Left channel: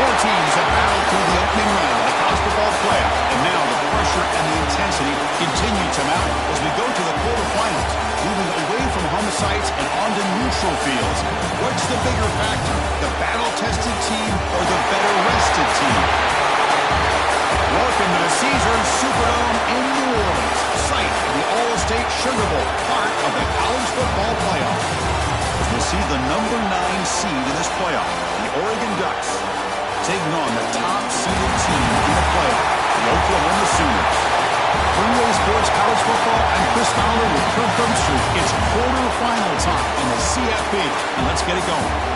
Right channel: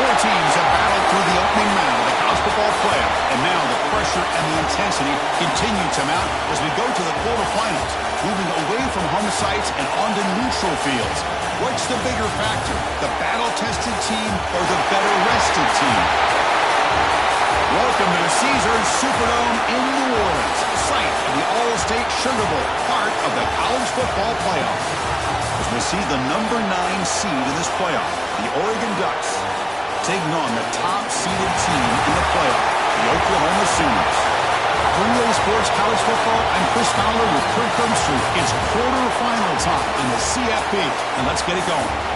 Four teams have battled through the opening round of the college football playoff, and now the pressure and the intensity continue to mount as we go to the quarterfinals, moving away from home sites and onto neutral fields. What's the bigger factor, the battle-tested team or the better-rested team? Welcome to the Caesars Superdome in New Orleans, site of the All-State Sugar Bowl, part of the college football playoff. As we'll see the number 9 seed in this playoff, the Oregon Ducks, taking on the top-seeded team in the playoff, the Oklahoma Sooners. For EA Sports College Football, I'm Chris Fowler with Kirk Herbstreit. It's quarterfinal time in the CFP, and let's get it going.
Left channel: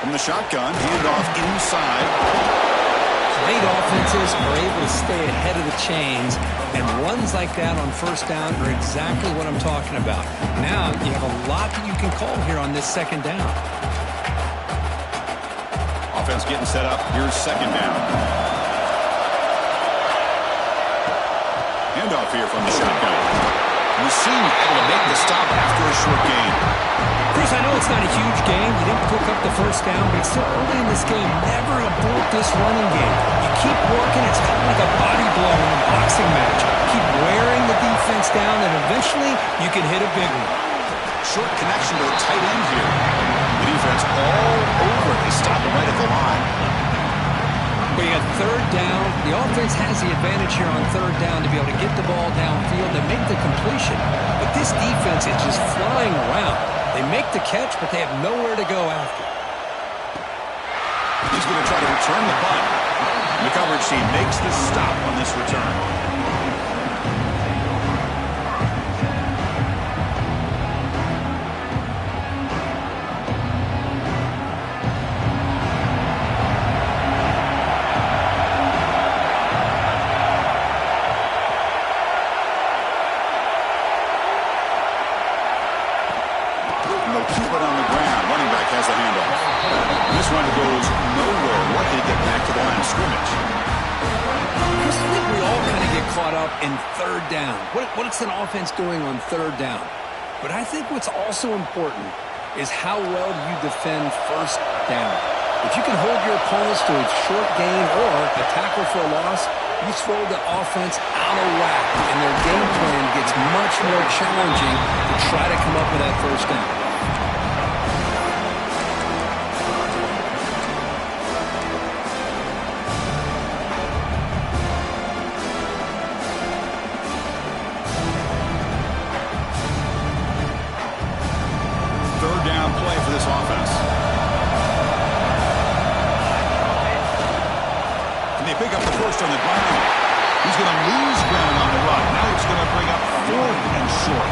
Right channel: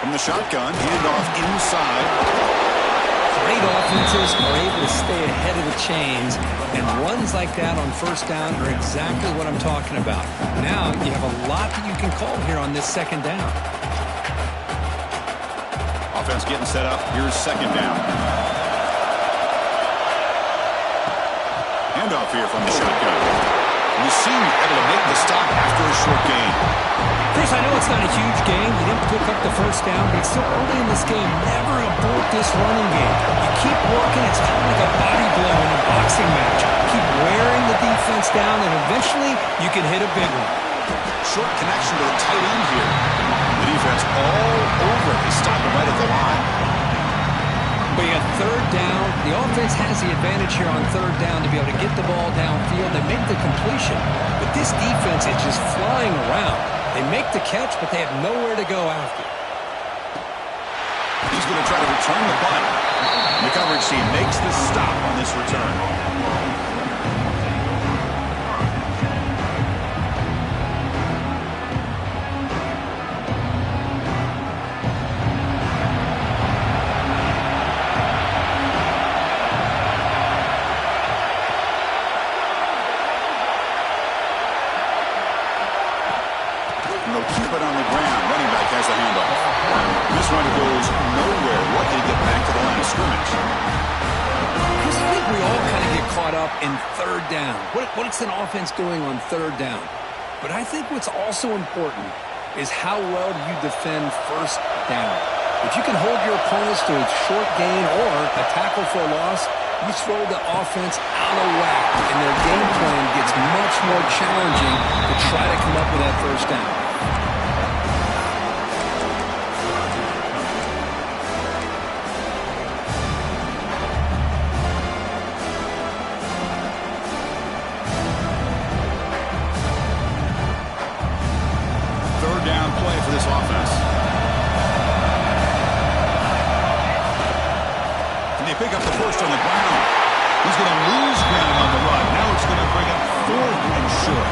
From the shotgun, handoff inside. Great offenses are able to stay ahead of the chains, and runs like that on first down are exactly what I'm talking about. Now you have a lot that you can call here on this second down. Offense getting set up. Here's second down. Handoff here from the shotgun. Musim able to make the stop after a short gain. Chris, I know it's not a huge game. You didn't pick up the first down, but it's still early in this game. Never abort this running game. You keep working. It's kind of like a body blow in a boxing match. Keep wearing the defense down, and eventually you can hit a big one. Short connection to the tight end here. The defense all over. They stop him right at the line. But you got third down. The offense has the advantage here on third down to be able to get the ball downfield and make the completion. But this defense is just flying around. They make the catch, but they have nowhere to go after. He's going to try to return the punt. The coverage team makes the stop on this return. Keep it on the ground. Running back has the handoff. This run goes nowhere. Lucky to get back to the line of scrimmage. I think we all kind of get caught up in third down. What's an offense doing on third down? But I think what's also important is how well do you defend first down. If you can hold your opponents to a short gain or a tackle for a loss, you throw the offense out of whack, and their game plan gets much more challenging to try to come up with that first down. Third down play for this offense. And they pick up the first on the ground. He's going to lose ground on the run. Now it's going to bring up fourth and short.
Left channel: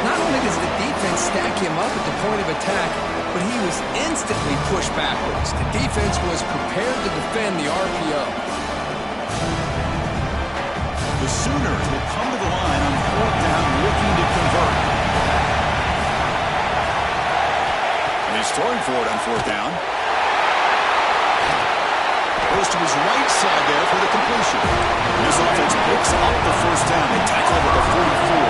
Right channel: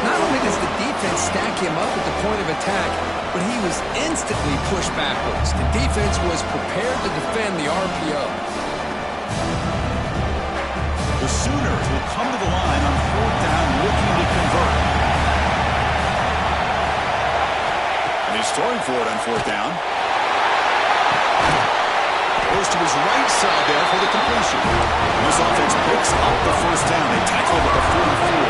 Not only does the defense stack him up at the point of attack, but he was instantly pushed backwards. The defense was prepared to defend the RPO. The Sooners will come to the line on fourth down looking to convert. And he's throwing for it on fourth down. Goes to his right side there for the completion. And this offense picks up the first down. They tackle him at the 44.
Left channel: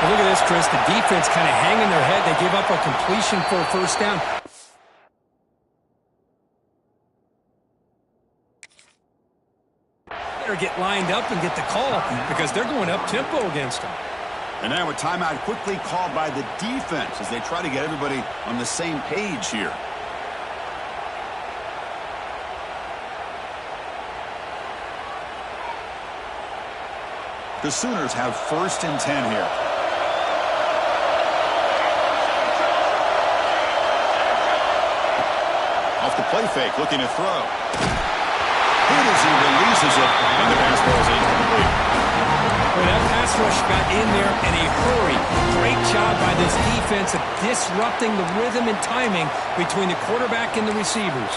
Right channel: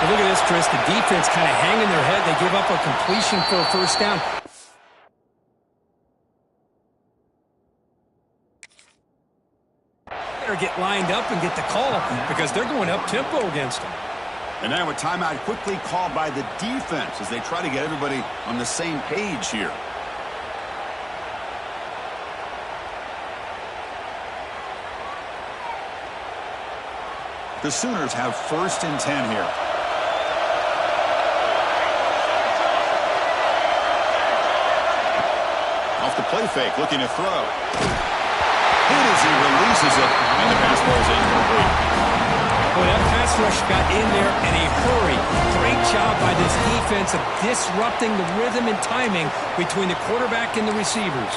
Well, look at this, Chris. The defense kind of hanging their head. They give up a completion for a first down. Better get lined up and get the call because they're going up tempo against them. And now a timeout quickly called by the defense as they try to get everybody on the same page here. The Sooners have 1st and 10 here. Off the play fake, looking to throw. Hit as he releases it, and the pass ball is incomplete. Well, that pass rush got in there in a hurry. Great job by this defense of disrupting the rhythm and timing between the quarterback and the receivers.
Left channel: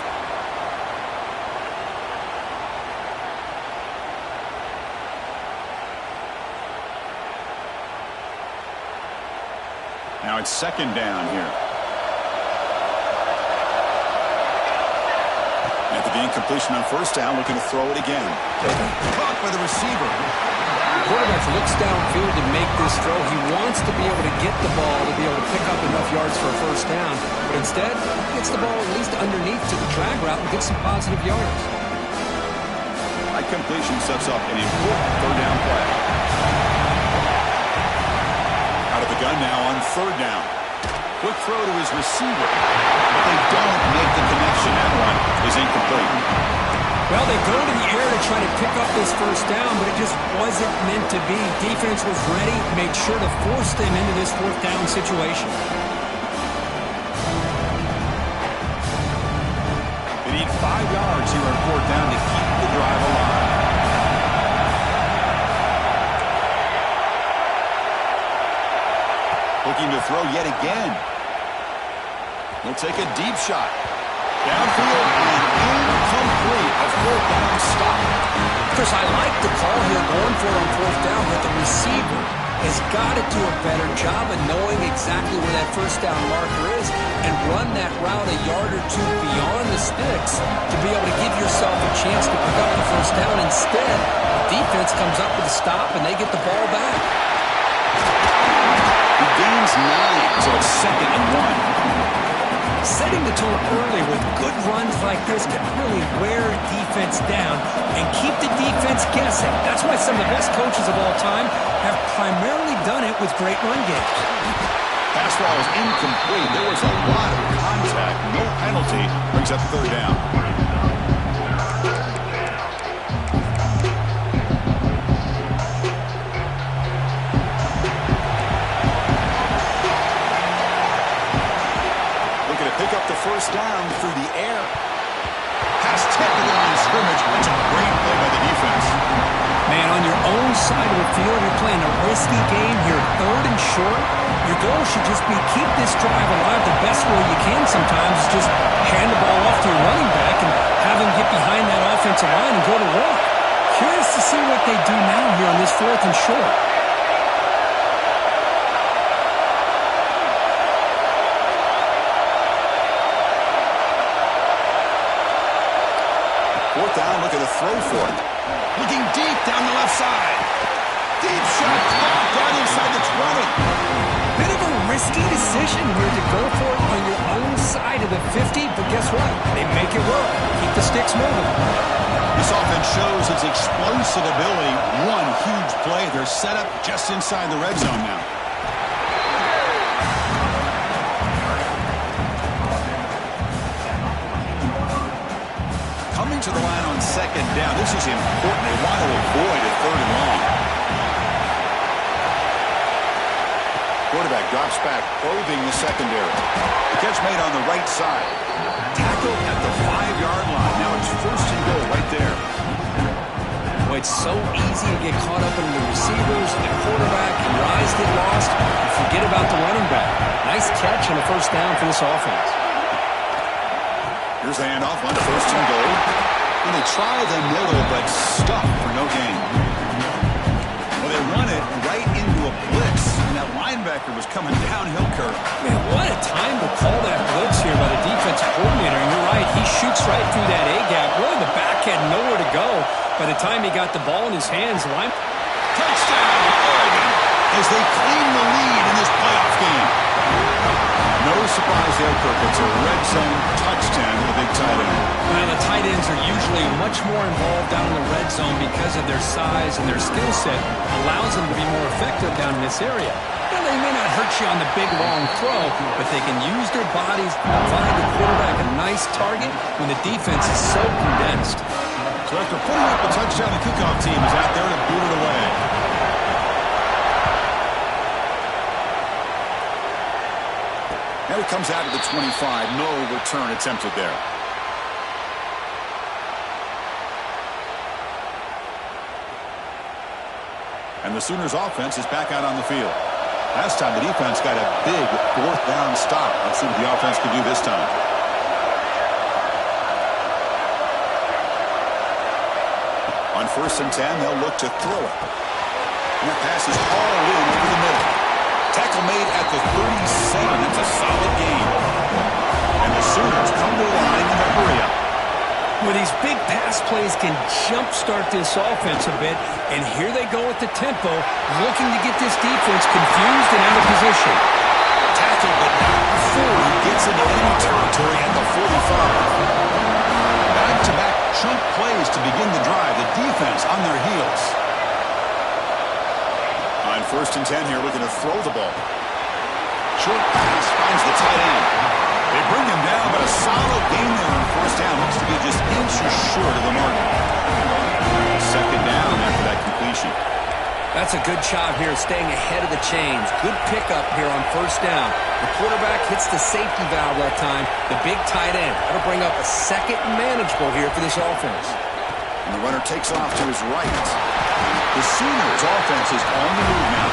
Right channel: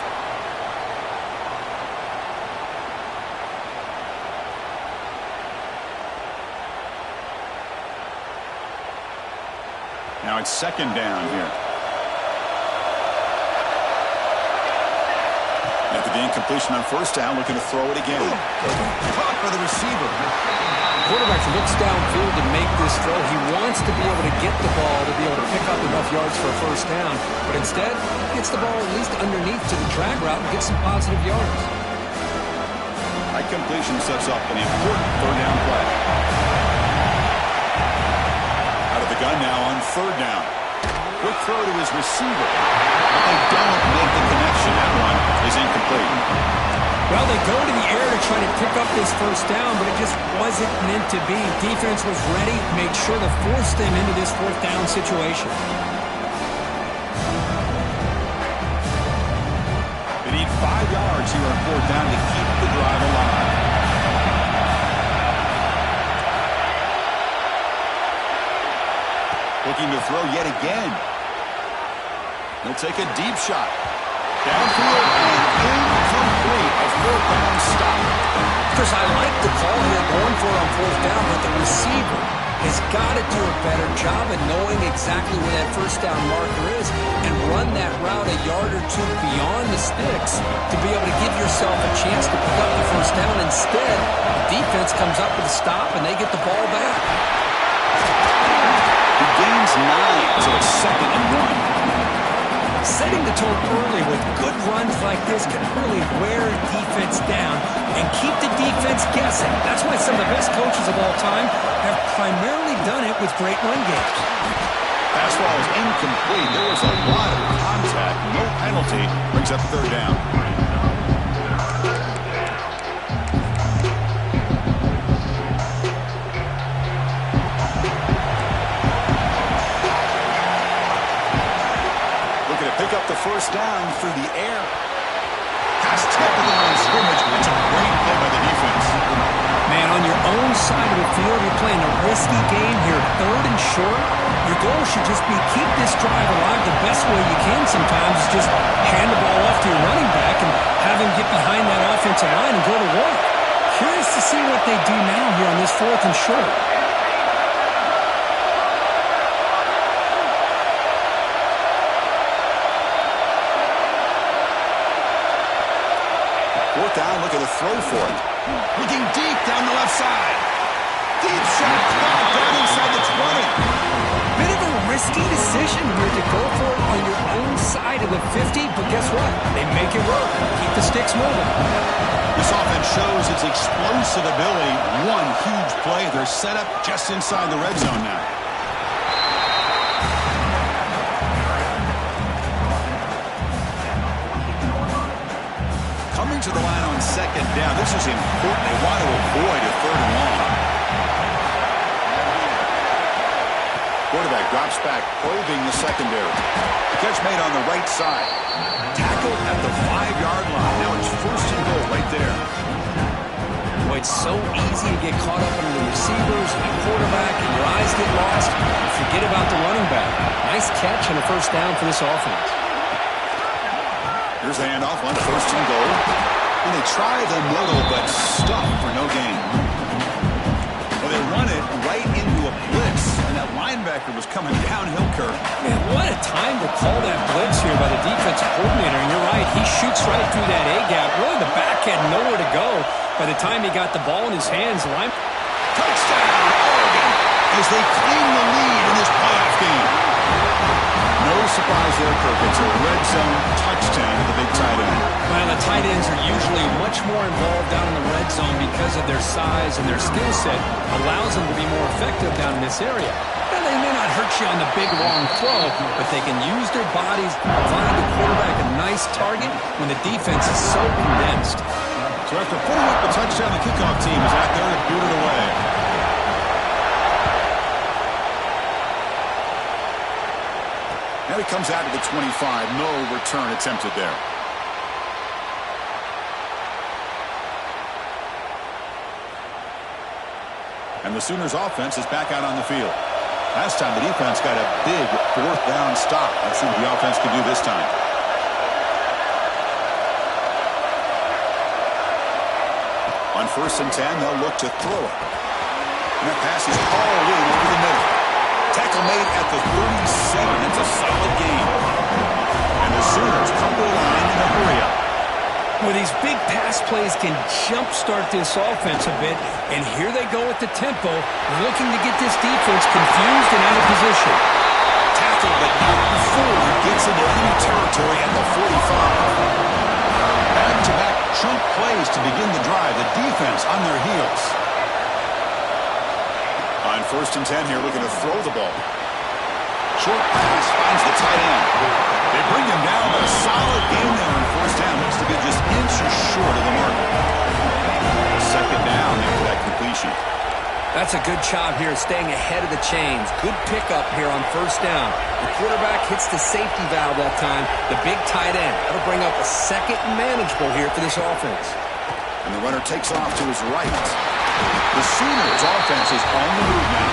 Now it's 2nd down here. After the incompletion on 1st down, looking to throw it again. Caught by the receiver. The quarterback looks downfield to make this throw. He wants to be able to get the ball to be able to pick up enough yards for a 1st down. But instead, he gets the ball at least underneath to the drag route and gets some positive yards. High completion sets up an important 3rd down play. Out of the gun now on 3rd down. Quick throw to his receiver, but they don't make the connection. That one is incomplete. Well, they go to the air to try to pick up this 1st down, but it just wasn't meant to be. Defense was ready, made sure to force them into this 4th down situation. They need 5 yards here on 4th down to keep the drive alive. Looking to throw yet again. He'll take a deep shot. Downfield and incomplete. A 4th down stop. Chris, I like the call here going for it on 4th down, but the receiver has got to do a better job of knowing exactly where that 1st down marker is and run that route a yard or 2 beyond the sticks to be able to give yourself a chance to pick up the 1st down. Instead, the defense comes up with a stop and they get the ball back. He gains 9, so it's 2nd and 1. Setting the tone early with good runs like this can really wear defense down and keep the defense guessing. That's why some of the best coaches of all time have primarily done it with great run games. Pass ball is incomplete. There was a lot of contact. No penalty. Brings up 3rd down. Pick up the 1st down through the air. Pass tip to the line of scrimmage. That's a great play by the defense. Man, on your own side of the field, you're playing a risky game here, 3rd and short. Your goal should just be keep this drive alive the best way you can sometimes is just hand the ball off to your running back and have him get behind that offensive line and go to work. Curious to see what they do now here on this 4th and short. 4th down, looking to throw for it. Looking deep down the left side. Deep shot caught down inside the 20. Bit of a risky decision here to go for it on your own side of the 50, but guess what? They make it work. Keep the sticks moving. This offense shows its explosive ability. One huge play. They're set up just inside the red zone now. Coming to the line on 2nd down. This is important. They want to avoid a 3rd and long. Quarterback drops back, probing the secondary. The catch made on the right side. Tackled at the 5-yard line. Now it's 1st and goal right there. Boy, it's so easy to get caught up in the receivers and the quarterback, and your eyes get lost. You forget about the running back. Nice catch and a 1st down for this offense. Here's the handoff, on 1st and goal. And they try the middle, but stuck for no gain. Well, they run it right into a blitz, and that linebacker was coming downhill, Kirk. Man, what a time to call that blitz here by the defensive coordinator. And you're right, he shoots right through that A-gap. Really, the back had nowhere to go. By the time he got the ball in his hands, touchdown, Oregon, as they claim the lead in this playoff game. No surprise there, Kirk. It's a red zone touchdown to the big tight end. Well, the tight ends are usually much more involved down in the red zone because of their size and their skill set allows them to be more effective down in this area. Now, they may not hurt you on the big, long throw, but they can use their bodies to provide the quarterback a nice target when the defense is so condensed. So after putting up the touchdown, the kickoff team is out there to boot it away. And it comes out to the 25. No return attempted there. And the Sooners offense is back out on the field. Last time the defense got a big fourth down stop. Let's see what the offense can do this time. On 1st and 10, they'll look to throw it. And that pass is hauled in over the middle. Tackle made at the 37. That's a solid gain. And the Sooners come to the line in a hurry-up. Well, these big pass plays can jumpstart this offense a bit, and here they go at the tempo, looking to get this defense confused and out of position. Tackled but not before he gets into enemy territory at the 45. Back-to-back chunk plays to begin the drive. The defense on their heels. On 1st and 10 here, looking to throw the ball. Short pass finds the tight end. They bring him down, but a solid game there on 1st down. Looks to be just inches short of the mark. 2nd down after that completion. That's a good job here staying ahead of the chains. Good pickup here on 1st down. The quarterback hits the safety valve that time. The big tight end. That'll bring up a 2nd and manageable here for this offense. And the runner takes off to his right. The Sooners offense is on the move now.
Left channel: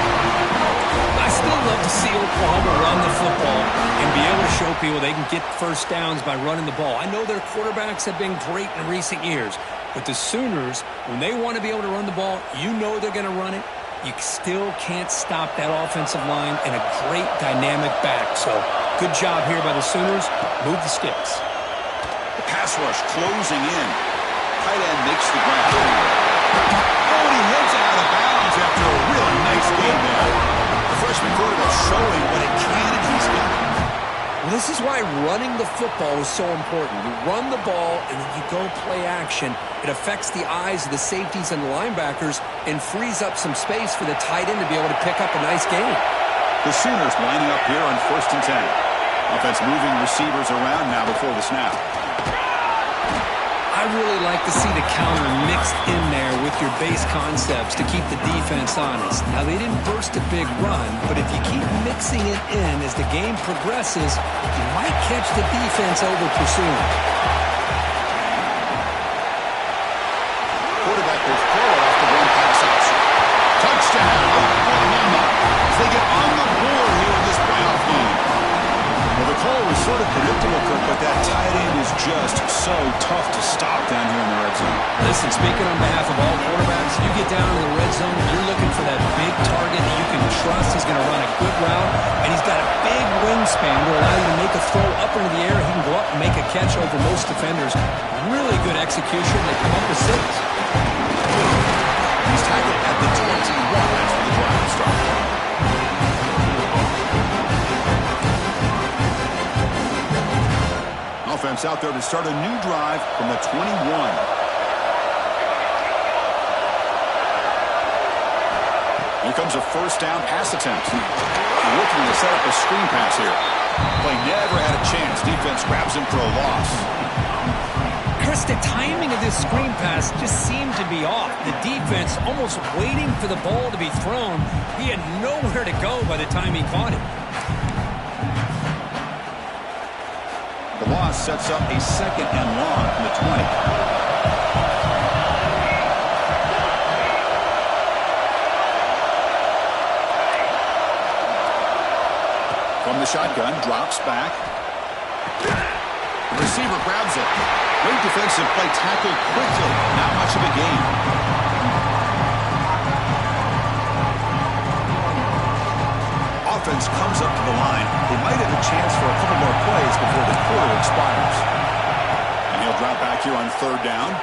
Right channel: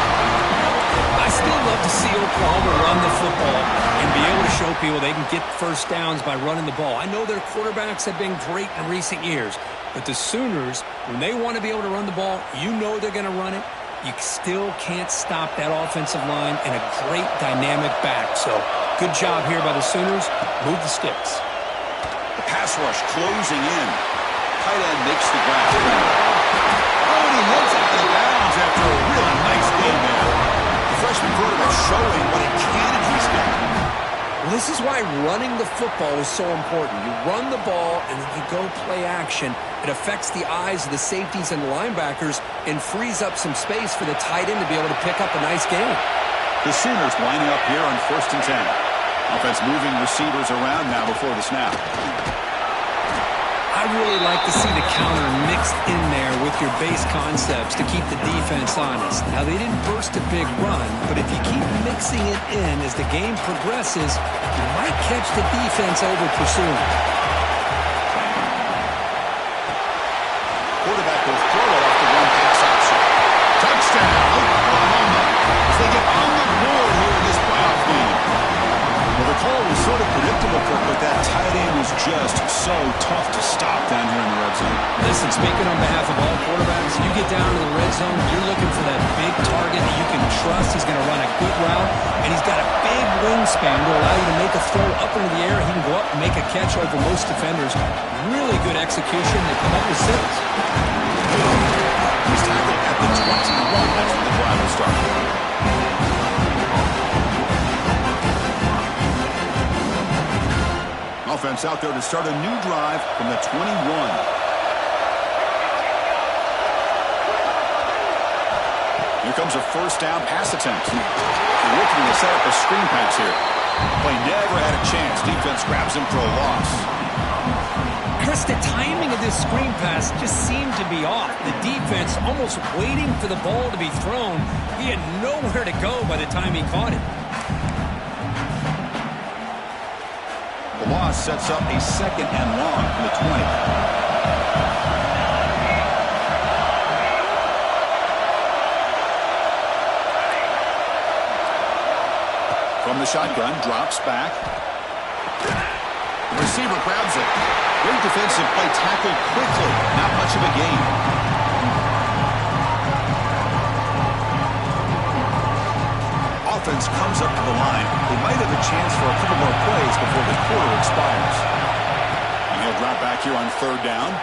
I still love to see Oklahoma run the football and be able to show people they can get 1st downs by running the ball. I know their quarterbacks have been great in recent years, but the Sooners, when they want to be able to run the ball, you know they're going to run it. You still can't stop that offensive line and a great dynamic back. So good job here by the Sooners. Move the sticks. The pass rush closing in. Tight end makes the grab. Oh, and he heads out of bounds after a really nice game there. The freshman quarterback showing what a cannon he's got. Well, this is why running the football is so important. You run the ball and then you go play action. It affects the eyes of the safeties and the linebackers and frees up some space for the tight end to be able to pick up a nice gain. The Sooners lining up here on 1st and 10. Offense moving receivers around now before the snap. I really like to see the counter mixed in there with your base concepts to keep the defense honest. Now, they didn't burst a big run, but if you keep mixing it in as the game progresses, you might catch the defense over pursuing. Quarterback will throw it off the one-pass option. Touchdown, Oklahoma, as they get on the board here in this playoff game. Well, the call was sort of predictable, Kirk, but that tight end is just so tough to stop down here in the red zone. Listen, speaking on behalf of all quarterbacks, you get down to the red zone, you're looking for that big target that you can trust. He's going to run a good route, and he's got a big wingspan to allow you to make a throw up into the air. He can go up and make a catch over most defenders. Really good execution. They come up with 6. He's tackled at the 21. That's where the drive will start. Offense out there to start a new drive from the 21. Here comes a 1st down pass attempt. They're looking to set up a screen pass here. Play never had a chance. Defense grabs him for a loss. Chris, the timing of this screen pass just seemed to be off. The defense almost waiting for the ball to be thrown. He had nowhere to go by the time he caught it. The loss sets up a 2nd and long from the 20. From the shotgun, drops back. The receiver grabs it. Great defensive play, tackled quickly. Not much of a gain. Offense comes up to the line. They might have a chance for a couple more plays before the quarter expires. And he'll drop back here on 3rd down.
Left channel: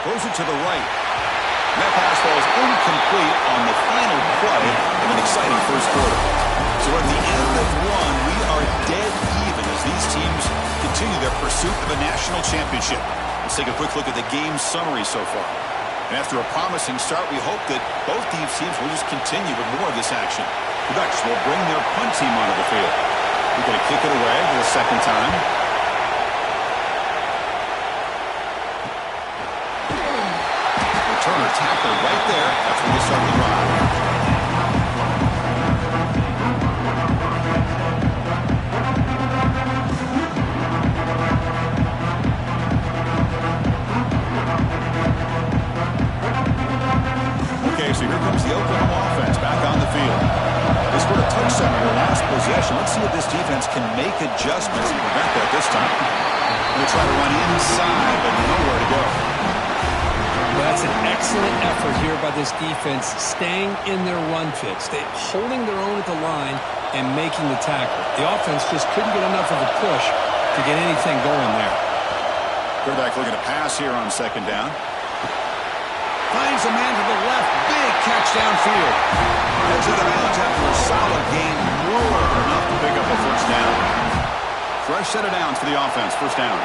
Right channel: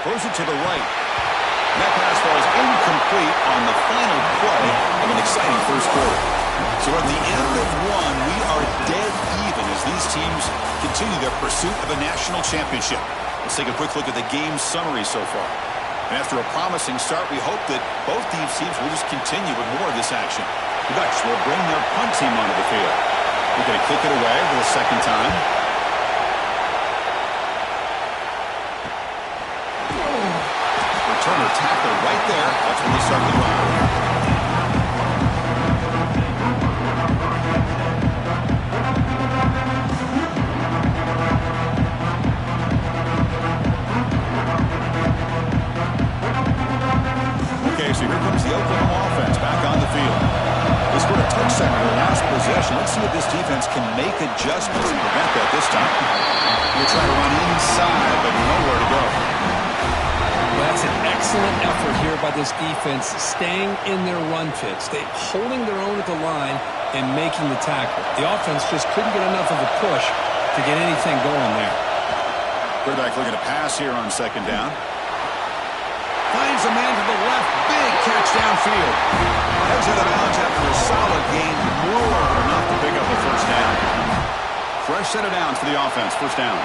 Throws it to the right. And that pass falls incomplete on the final play of an exciting 1st quarter. So at the end of 1, we are dead even as these teams continue their pursuit of a national championship. Let's take a quick look at the game summary so far. And after a promising start, we hope that both these teams will just continue with more of this action. The Ducks will bring their punt team onto the field. They're going to kick it away for the second time. Returner tackled right there. That's when they start the drive. So here comes the Oklahoma offense back on the field. They scored a touchdown in their last possession. Let's see if this defense can make adjustments and prevent that this time. They'll try to run inside, but nowhere to go. Well, that's an excellent effort here by this defense, staying in their run fits, holding their own at the line and making the tackle. The offense just couldn't get enough of a push to get anything going there. Quarterback looking to pass here on second down. Finds a man to the left. Big catch downfield. Heads out of bounds after a solid gain. More than enough to pick up a first down. Fresh set of downs for the offense. First down.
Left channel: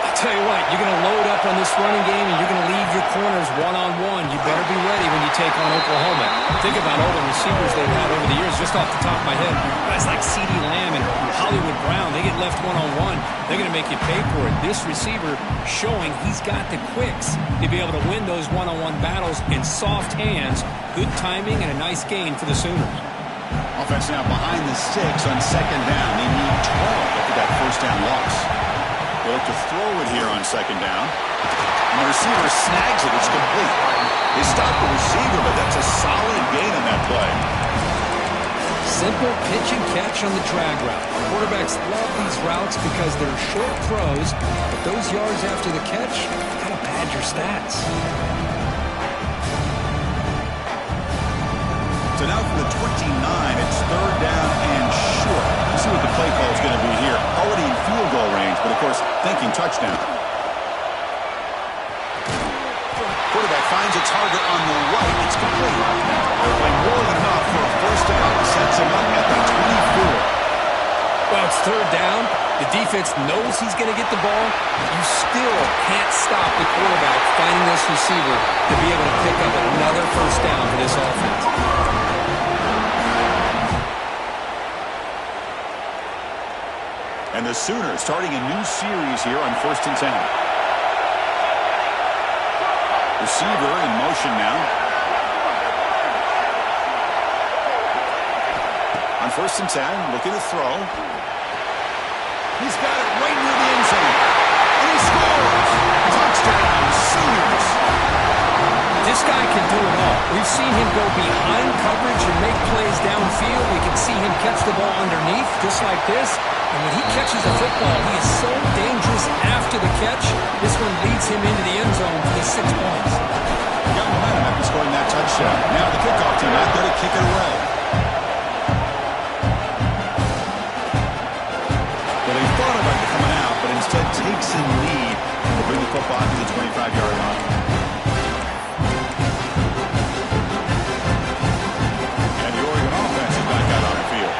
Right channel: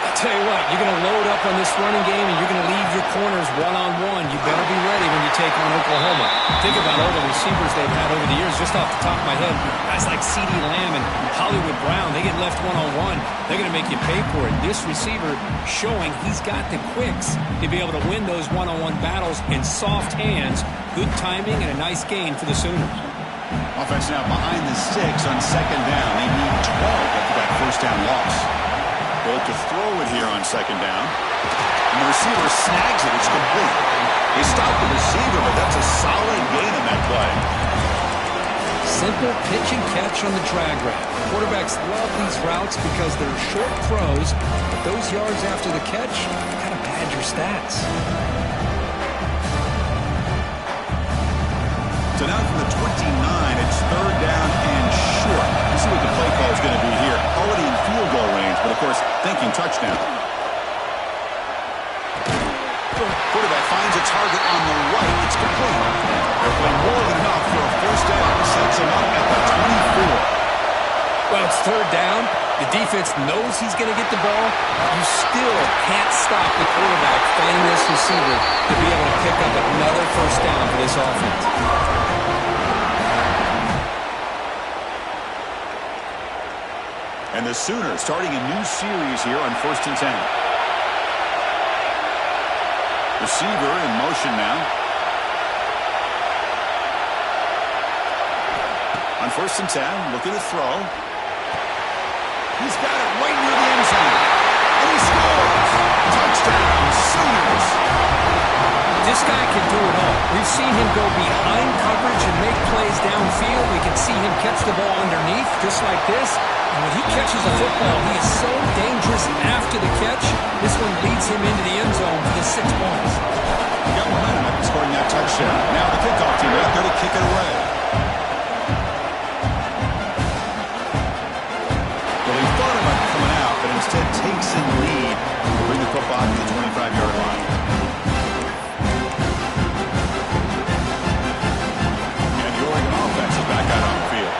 I'll tell you what, you're going to load up on this running game and you're going to leave your corners one-on-one. You better be ready when you take on Oklahoma. Think about all the receivers they've had over the years. Just off the top of my head, guys like shiiii Lamb and Hollywood Brown, they get left one-on-one. They're going to make you pay for it. This receiver showing he's got the quicks to be able to win those one-on-one battles in soft hands. Good timing and a nice gain for the Sooners. Offense now behind the 6 on second down. They need 12 after that first down loss. They look to throw it here on second down. And the receiver snags it. It's complete. They stop the receiver, but that's a solid gain on that play. Simple pitch and catch on the drag route. Quarterbacks love these routes because they're short throws, but those yards after the catch kind of pad your stats. So now from the 29, it's third down and short. Let's see what the play call is going to be here. Already in field goal range, but of course, thinking touchdown. Quarterback finds a target on the right. It's complete. They're playing more than enough for a first down. Sets him up at the 24. Well, it's third down. The defense knows he's going to get the ball. You still can't stop the quarterback finding this receiver to be able to pick up another first down for this offense. And the Sooners starting a new series here on 1st and 10. Receiver in motion now. On 1st and 10, looking to throw. He's got it right near the end zone. And he scores! Touchdown, Sooners! This guy can do it all. We've seen him go behind coverage and make plays downfield. We can see him catch the ball underneath, just like this. And when he catches the football, he is so dangerous after the catch. This one leads him into the end zone for the 6 points. He got momentum after scoring that touchdown. Now the kickoff team out there to kick it away. Well, he thought about coming out, but instead takes a lead to bring the football to the 25-yard line. And the Oregon offense is back out on the field.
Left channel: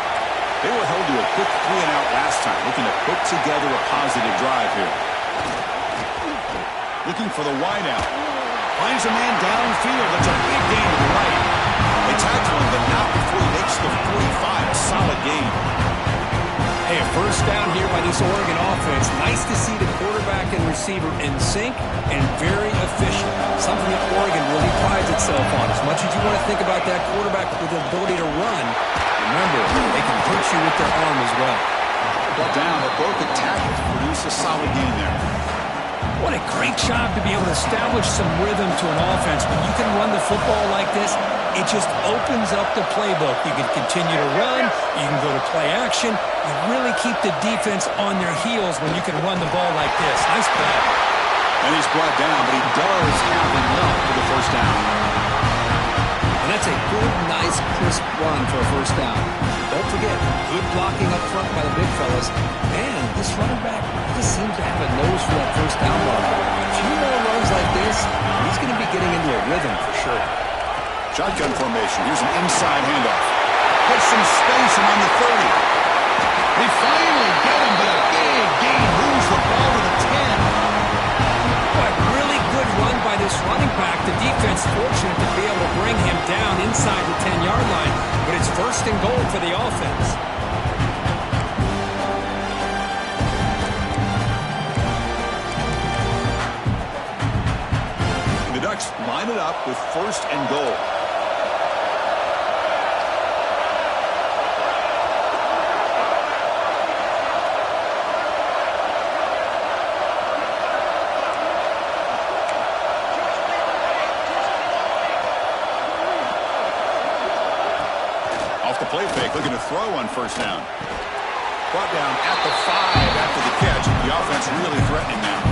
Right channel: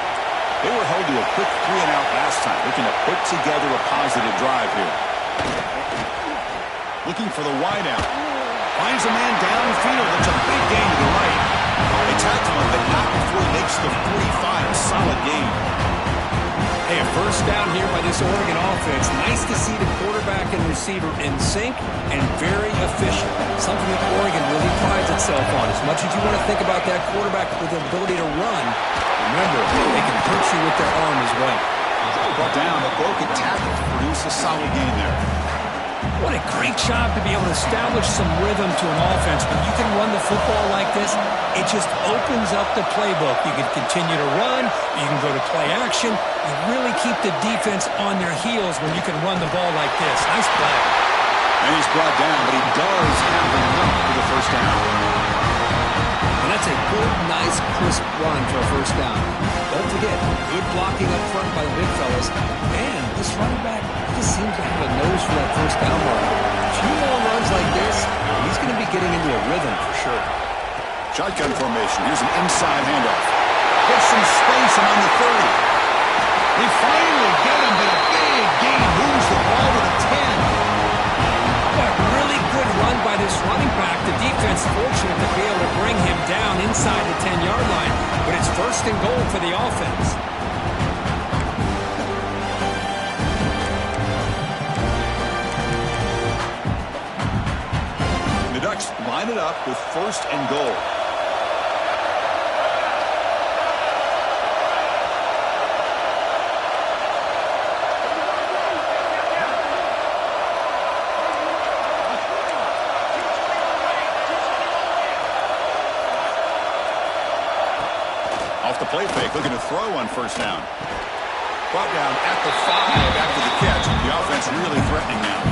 They were held to a quick 3-and-out last time, looking to put together a positive drive here. Looking for the wideout. Finds a man downfield. That's a big gain to the right. They tackle him, but not before he makes the 45. A solid gain. Hey, a first down here by this Oregon offense. Nice to see the quarterback and receiver in sync and very efficient. Something that Oregon really prides itself on. As much as you want to think about that quarterback with the ability to run, remember, they can hurt you with their arm as well. Brought down, but broken tackle to produce a solid gain there. What a great job to be able to establish some rhythm to an offense. When you can run the football like this, it just opens up the playbook. You can continue to run. You can go to play action. You really keep the defense on their heels when you can run the ball like this. Nice play. And he's brought down, but he does have enough for the first down. And that's a good, nice, crisp run for a first down. Don't forget, good blocking up front by the big fellas. And this running back, he just seems to have a nose for that first down mark. A few more runs like this, he's going to be getting into a rhythm for sure. Shotgun formation. Here's an inside handoff. Gets some space and on the 30. They finally get him, but a big gain moves the ball to the 10. Boy, really good run by this running back. The defense fortunate to be able to bring him down inside the 10-yard line, but it's first and goal for the offense. The Ducks line it up with first and goal. Off the play fake, looking to throw on first down. Brought down at the 5 after the catch. The offense really threatening now.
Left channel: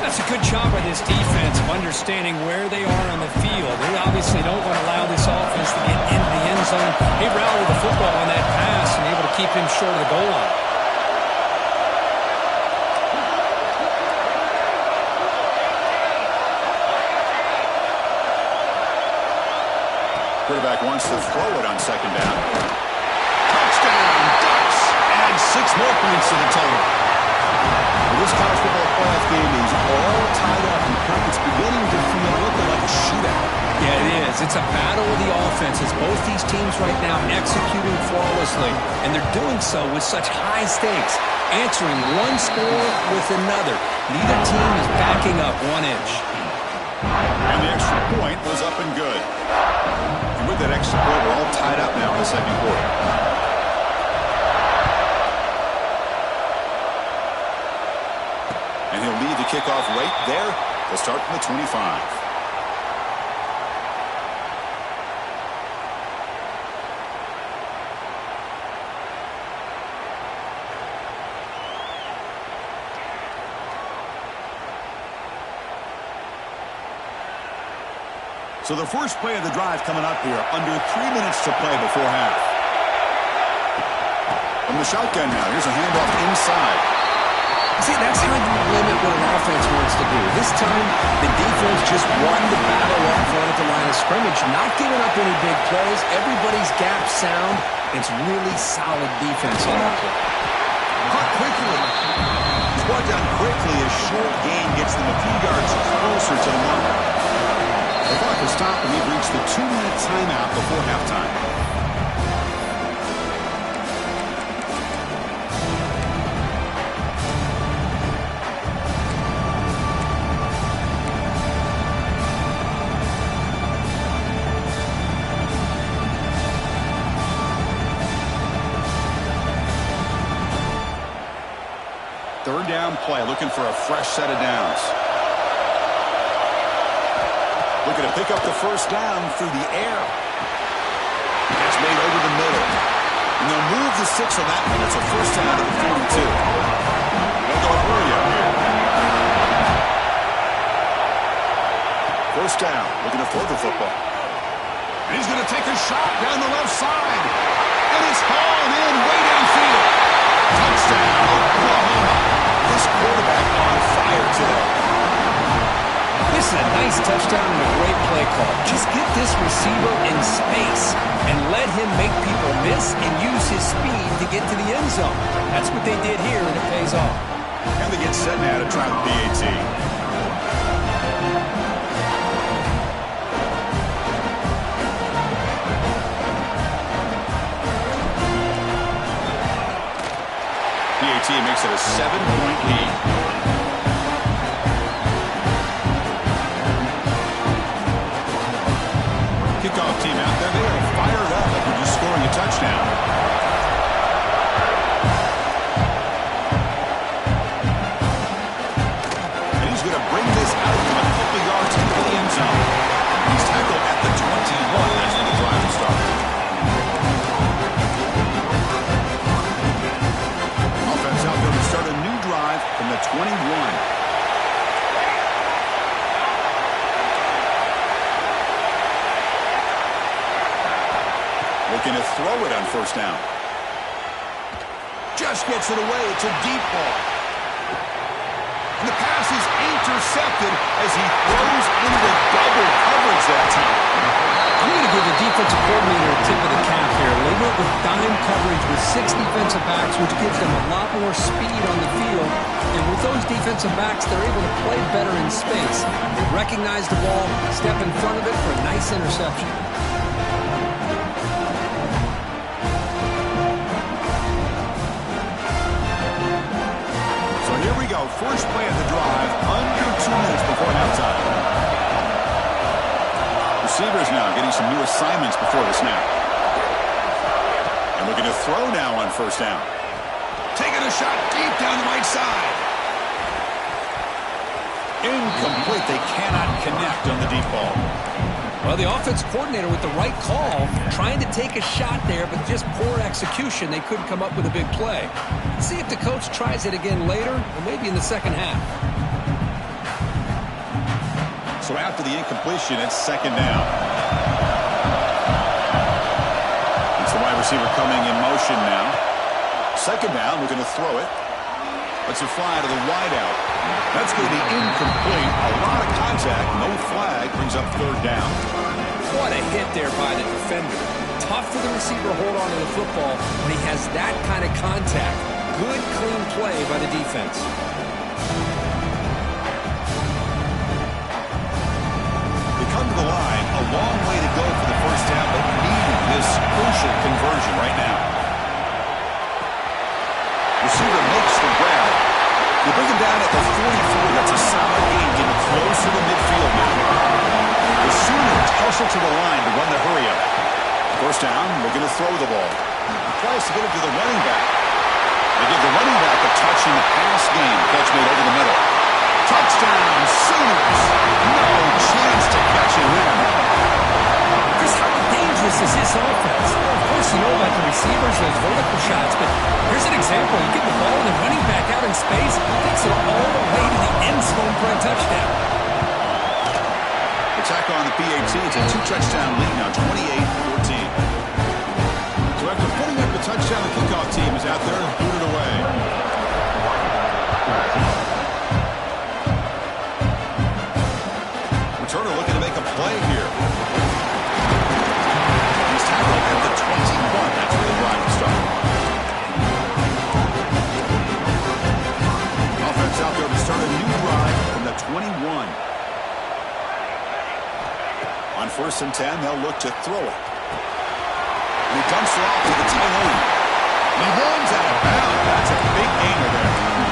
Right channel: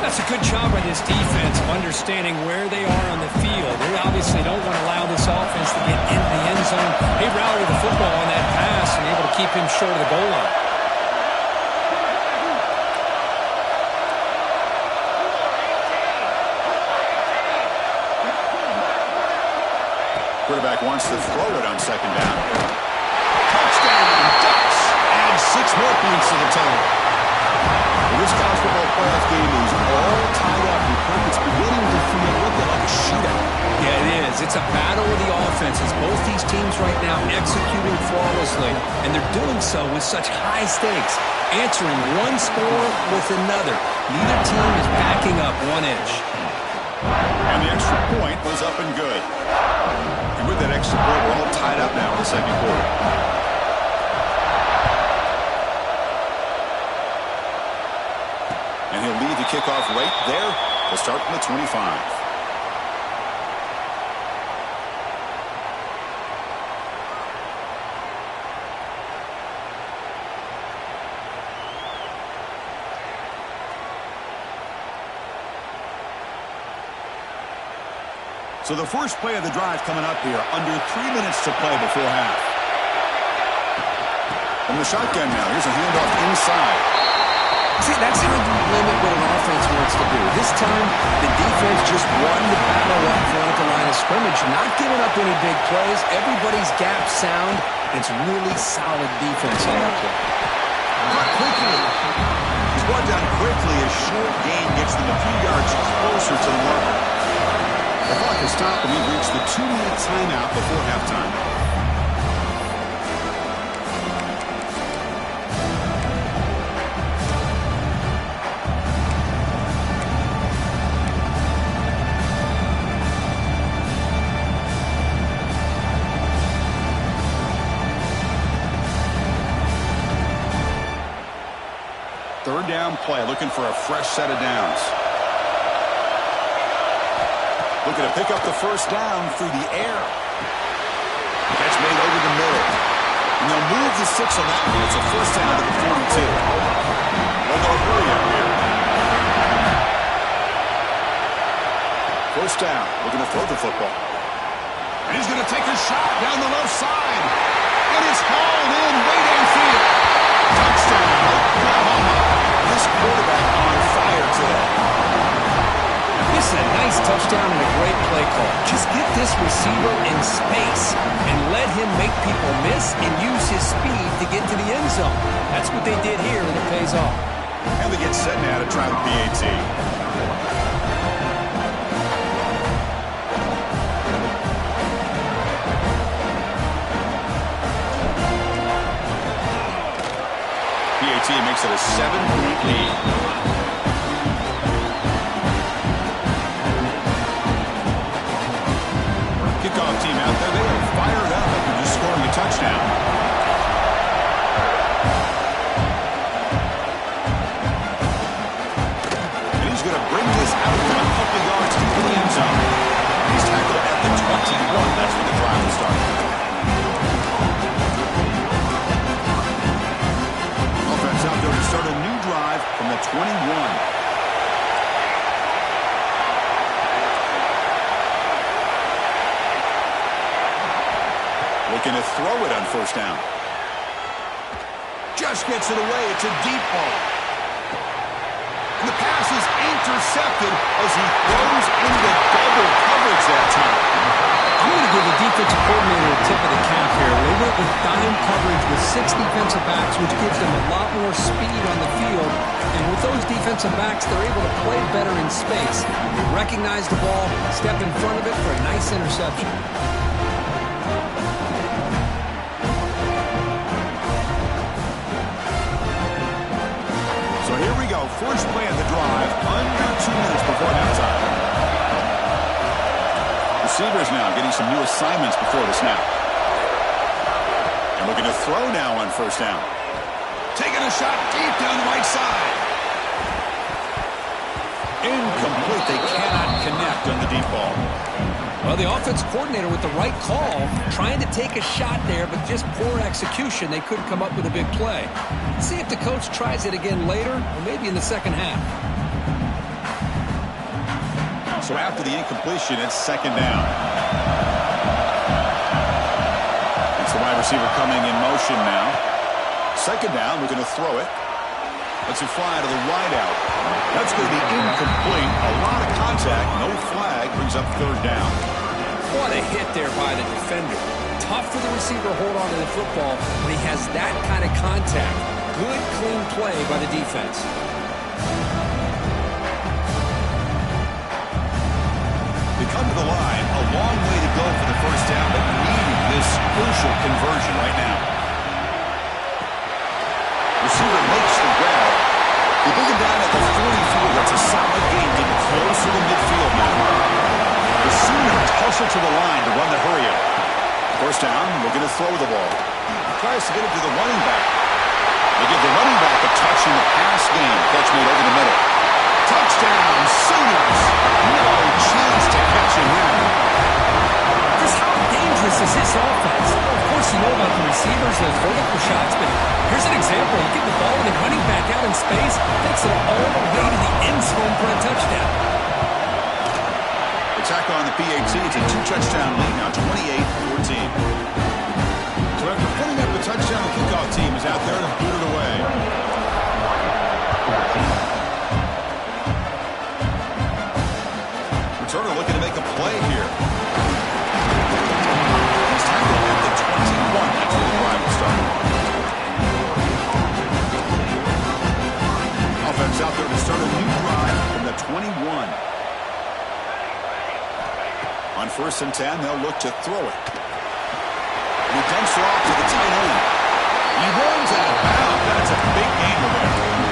That's a good job by this defense of understanding where they are on the field. They obviously don't want to allow this offense to get into the end zone. They rallied the football on that pass and able to keep him short of the goal line. Quarterback wants to throw it on second down. Touchdown, Ducks! Add 6 more points to the total. Well, this college football playoff game is all tied up, and Kirk, it's beginning to feel a little bit like a shootout. Yeah, it is. It's a battle of the offenses. Both these teams right now executing flawlessly, and they're doing so with such high stakes, answering one score with another. Neither team is backing up 1 inch. And the extra point was up and good. And with that extra point, we're all tied up now in the second quarter. And he'll lead the kickoff right there to start from the 25. So the first play of the drive coming up here, under 3 minutes to play before half. From the shotgun now, here's a handoff inside. See, that's how you limit what an offense wants to do. This time, the defense just won the battle up front at the line of scrimmage, not giving up any big plays. Everybody's gap sound. It's really solid defense on that play. Caught quickly. He's brought down quickly. A short gain gets them a few yards closer to the marker. The clock has stopped, and we've reached the 2-minute timeout before halftime. Third down play, looking for a fresh set of downs. Looking to pick up the first down through the air. Catch made over the middle. And they'll move the 6 on that one. It's a first down to the 42. They'll go hurry up here. First down, looking to throw the football. And he's going to take a shot down the left side. And it's hauled in way downfield. Touchdown, Oklahoma. This quarterback on fire today. This is a nice touchdown and a great play call. Just get this receiver in space and let him make people miss and use his speed to get to the end zone. That's what they did here, and it pays off. And they get set now to try the PAT. PAT makes it a 7-point lead. Kickoff team out there, they are fired up after just scoring a touchdown. And he's going to bring this out from a couple yards into the end zone. He's tackled at the 21. That's where the drive will start. Offense out there to start a new drive from the 21. Looking to throw it on first down. Just gets it away. It's a deep ball. And the pass is intercepted as he throws into double coverage that time. I'm going to give the defensive coordinator a tip of the cap here. They went with dime coverage with 6 defensive backs, which gives them a lot more speed on the field. And with those defensive backs, they're able to play better in space. They recognize the ball, step in front of it for a nice interception. So here we go. First play of the drive, under 2 minutes before halftime. Receivers now getting some new assignments before the snap. And looking to throw now on first down. Taking a shot deep down the right side. Incomplete. They cannot connect on the deep ball. Well, the offense coordinator with the right call, trying to take a shot there, but just poor execution. They couldn't come up with a big play. Let's see if the coach tries it again later, or maybe in the second half. So after the incompletion, it's second down. It's the wide receiver coming in motion now. Second down, looking to throw it. Lets it fly to the wideout. That's going to be incomplete. A lot of contact, no flag, brings up third down. What a hit there by the defender. Tough for the receiver to hold on to the football when he has that kind of contact. Good, clean play by the defense. They come to the line, a long way to go for the first down, but needing this crucial conversion right now. Receiver makes the grab. They bring him down at the 43. That's a solid gain, getting closer to midfield now. The Sooners hustle to the line to run the hurry-up. First down, looking to throw the ball. Tries to get it to the running back. They give the running back a touch in the pass game. Catch made over the middle. Touchdown, Sooners. No chance to catch him there. Just how dangerous is this offense? Well, of course, you know about the receivers, those vertical shots, but here's an example. You get the ball and the running back out in space, takes it all the way to the end zone for a touchdown. They tack on the PAT. It's a 2-touchdown lead now, 28-14. So after putting up the touchdown, the kickoff team is out there to boot it away. Returner looking to make a play here. He's tackled at the 21. That's where the drive will start. Offense out there to start a new drive from the 21. On 1st and 10, they'll look to throw it. And he dumps it off to the tight end. He runs out of bounds. That's a big gainer there.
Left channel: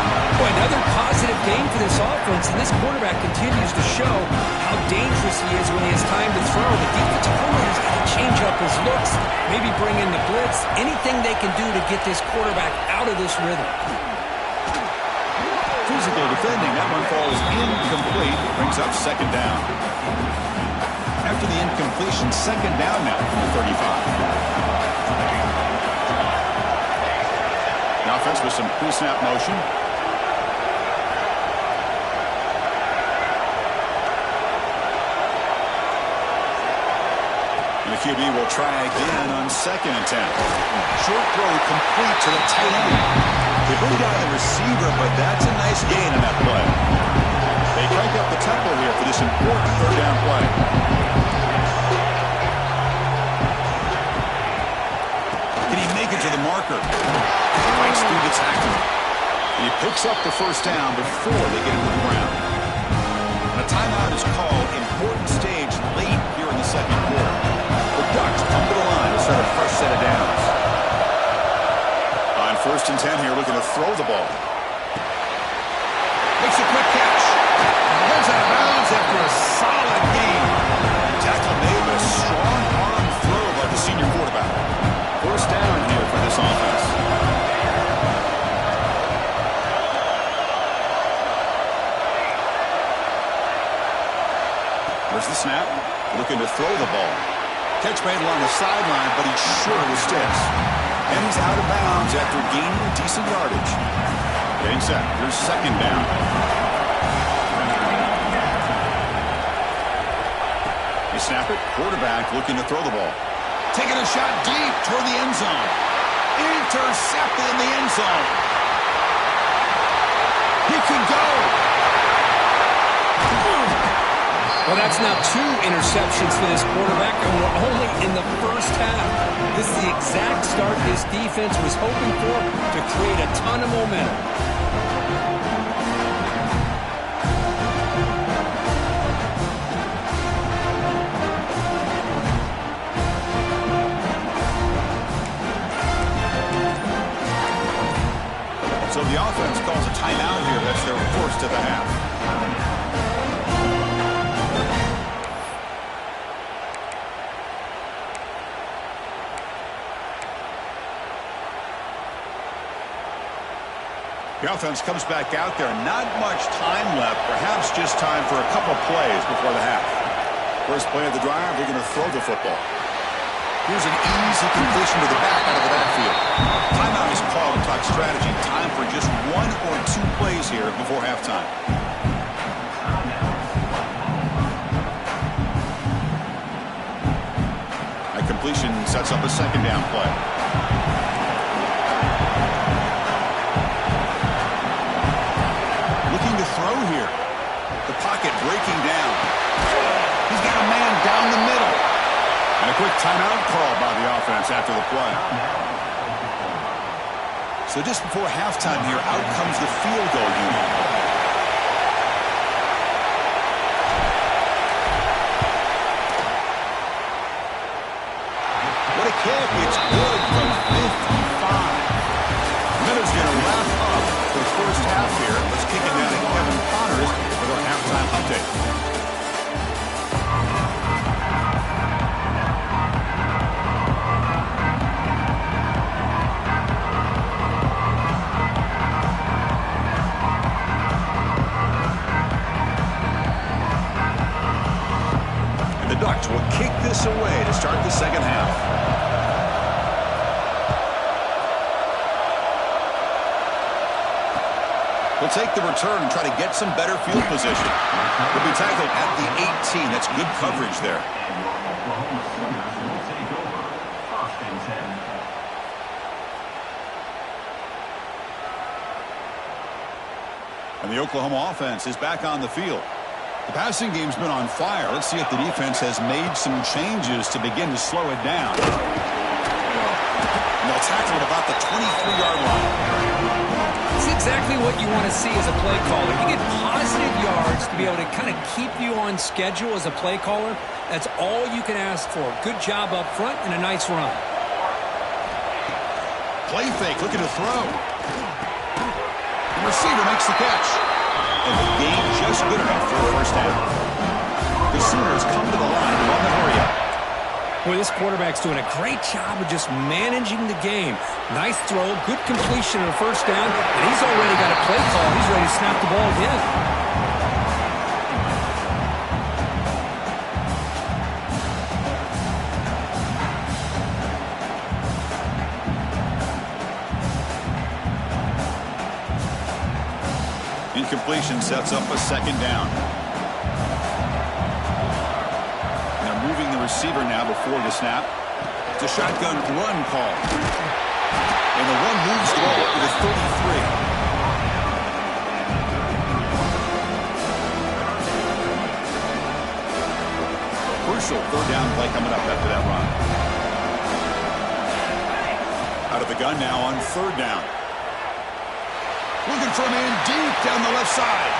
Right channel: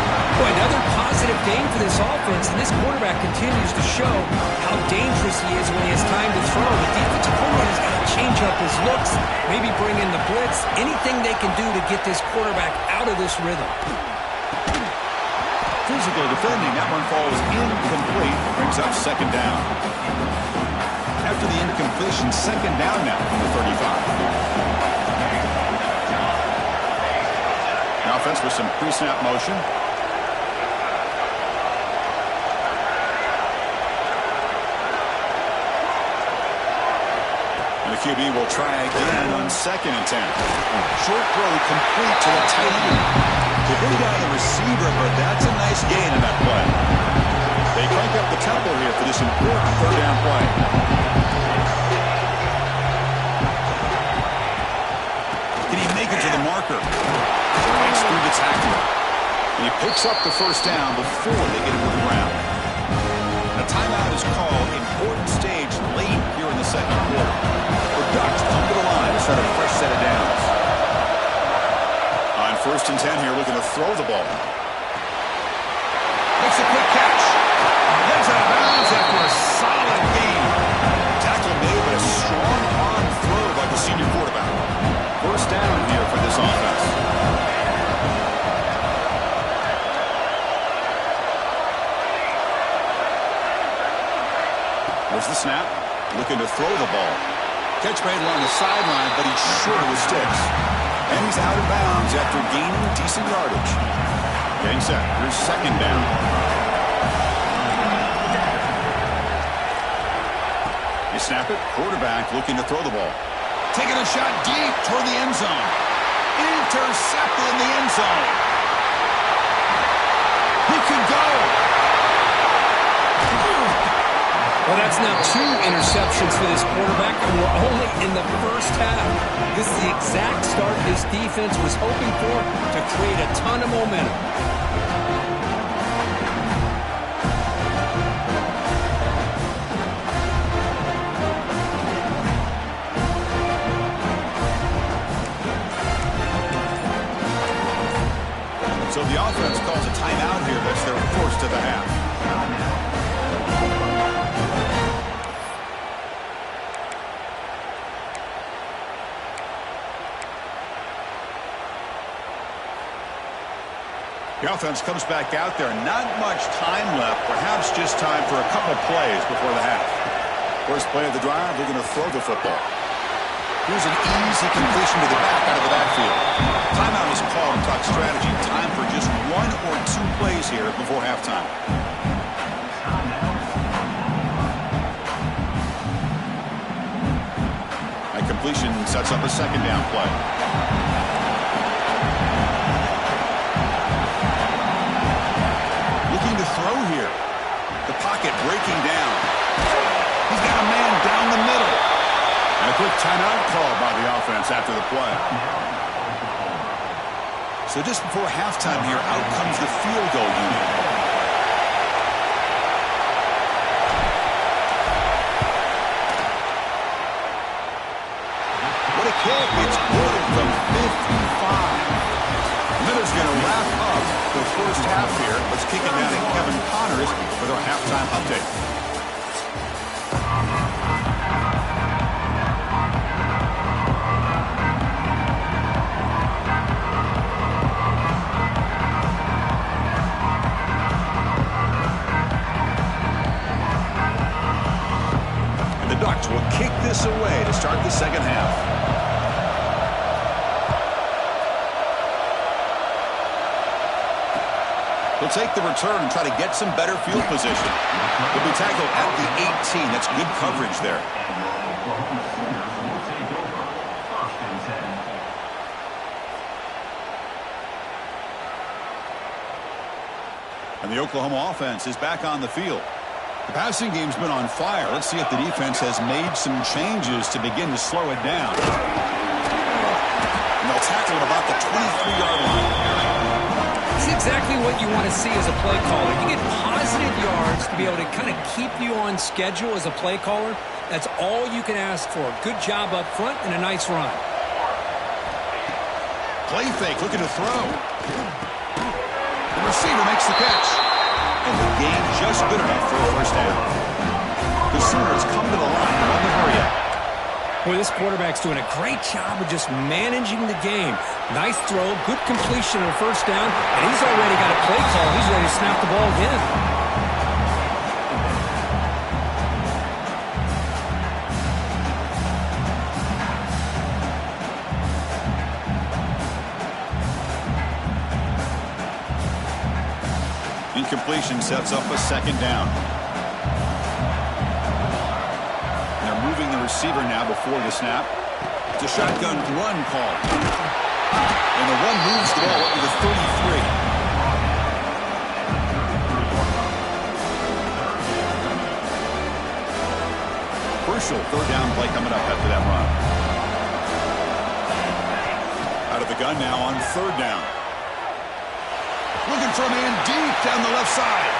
Boy, another positive gain for this offense, and this quarterback continues to show how dangerous he is when he has time to throw. The defensive coordinator's got to change up his looks, maybe bring in the blitz, anything they can do to get this quarterback out of this rhythm. Physical defending. That one falls incomplete. Brings up second down. After the incompletion, second down now from the 35. The offense with some pre-snap motion. And the QB will try again on 2nd and 10. Short throw complete to the tight end. They bring down the receiver, but that's a nice gain on that play. They crank up the tempo here for this important third down play. Can he make it to the marker? Fights through the tackler. And he picks up the first down before they get him to the ground. A timeout is called. Important stage late here in the second quarter. The Ducks come to the line to start a fresh set of downs. On 1st and 10 here, looking to throw the ball. Makes a quick catch. Heads out of bounds after a solid gain. Tackle made, but a strong arm throw by the senior quarterback. First down here for this offense. Where's the snap? Looking to throw the ball. Catch made along the sideline, but he's short of the sticks. And he's out of bounds after gaining decent yardage. Getting set. Here's second down. You snap it. Quarterback looking to throw the ball. Taking a shot deep toward the end zone. Intercepted in the end zone. He could go. Well, that's now 2 interceptions for this quarterback, and we're only in the first half. This is the exact start this defense was hoping for to create a ton of momentum. So the offense calls a timeout here. That's their first of the half. The offense comes back out there. Not much time left. Perhaps just time for a couple plays before the half. First play of the drive, they're going to throw the football. Here's an easy completion to the back out of the backfield. Timeout is called to talk strategy. Time for just 1 or 2 plays here before halftime. That completion sets up a second down play. Looking to throw here. The pocket breaking down. He's got a man down the middle. And a quick timeout call by the offense after the play. So just before halftime here, out comes the field goal unit. What a kick. It's good from 55. Miller's going to wrap up the first half here. Let's kick it down to Kevin Connors with our halftime update. Ducks will kick this away to start the second half. He'll take the return and try to get some better field position. He'll be tackled at the 18. That's good coverage there. And the Oklahoma offense is back on the field. The passing game's been on fire. Let's see if the defense has made some changes to begin to slow it down. And they'll tackle him about the 23-yard line. It's exactly what you want to see as a play caller. You get positive yards to be able to kind of keep you on schedule as a play caller. That's all you can ask for. Good job up front and a nice run. Play fake, looking to throw. The receiver makes the catch. And the game just good enough for a first down. The Sooners come to the line to run the hurry-up. Boy, this quarterback's doing a great job of just managing the game. Nice throw, good completion of the first down, and he's already got a play call. He's ready to snap the ball again. Incompletion sets up a second down. And they're moving the receiver now before the snap. It's a shotgun run call. And the run moves the ball up to the 33. Crucial third down play coming up after that run. Out of the gun now on third down. Looking for a man deep down the left side.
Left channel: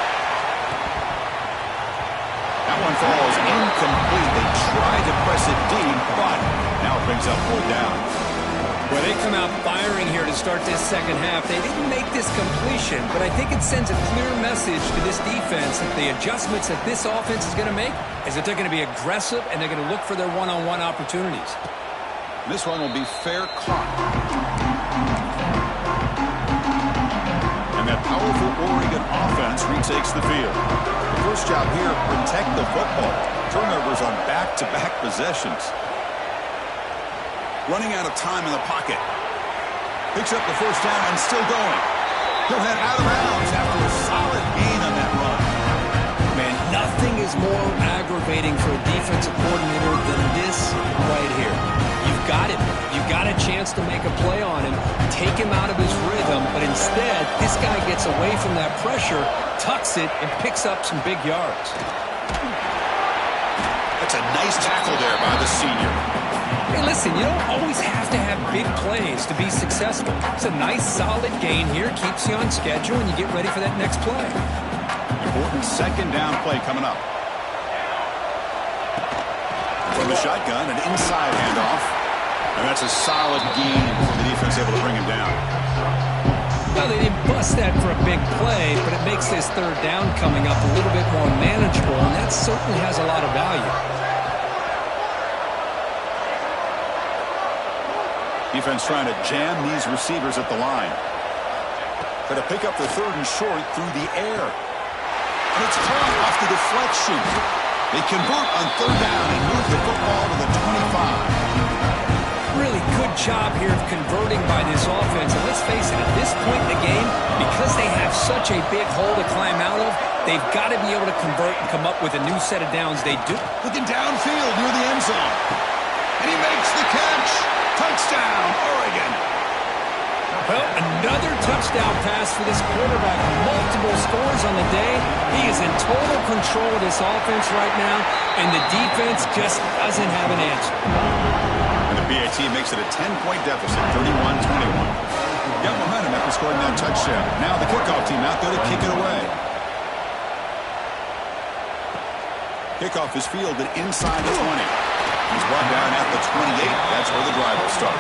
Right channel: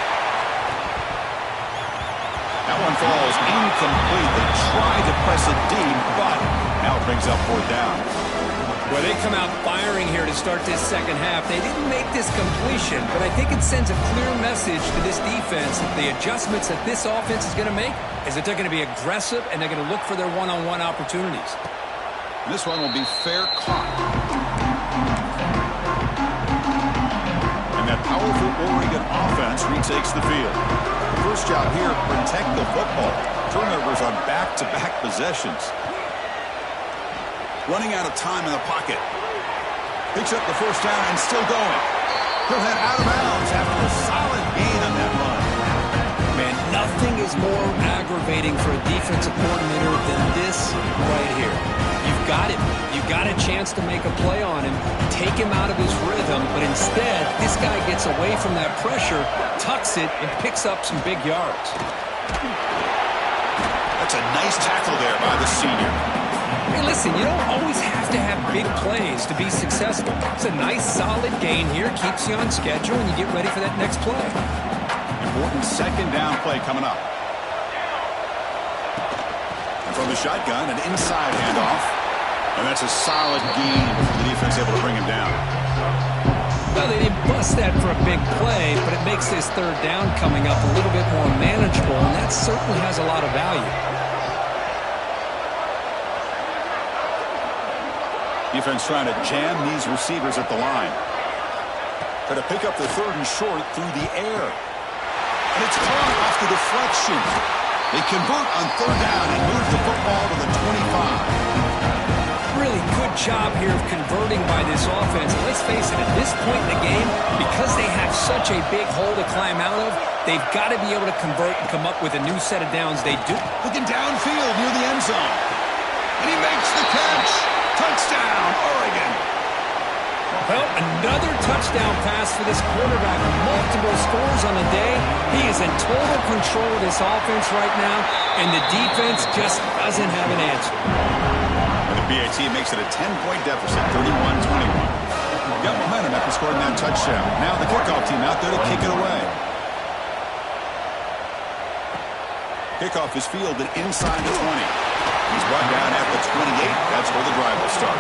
That one falls incomplete. They tried to press it deep, but now it brings up fourth down. Well, they come out firing here to start this second half. They didn't make this completion, but I think it sends a clear message to this defense that the adjustments that this offense is going to make is that they're going to be aggressive and they're going to look for their one-on-one opportunities. This one will be fair caught. And that powerful Oregon offense retakes the field. The first job here, protect the football. Turnovers on back-to-back possessions. Running out of time in the pocket. Picks up the first down and still going. He'll head out of bounds after a solid gain on that run. Man, nothing is more aggravating for a defensive coordinator than this right here. You've got him. You've got a chance to make a play on him, take him out of his rhythm, but instead, this guy gets away from that pressure, tucks it, and picks up some big yards. That's a nice tackle there by the senior. Hey, listen, you don't always have to have big plays to be successful. It's a nice, solid gain here. Keeps you on schedule, and you get ready for that next play. Important second down play coming up. And from the shotgun, an inside handoff. And that's a solid gain before the defense able to bring him down. Well, they didn't bust that for a big play, but it makes this third down coming up a little bit more manageable, and that certainly has a lot of value. Defense trying to jam these receivers at the line. Try to pick up the third and short through the air. And it's caught off the deflection. They convert on third down and move the football to the 25. Really good job here of converting by this offense. And let's face it, at this point in the game, because they have such a big hole to climb out of, they've got to be able to convert and come up with a new set of downs. They do. Looking downfield near the end zone. And he makes the catch. Touchdown, Oregon. Well, another touchdown pass for this quarterback. Multiple scores on the day. He is in total control of this offense right now, and the defense just doesn't have an answer. And the BAT makes it a 10-point deficit, 31-21. Got momentum after scoring that touchdown. Now the kickoff team out there to kick it away. Kickoff is fielded inside the 20. He's brought down at the 28. That's where the drive will start.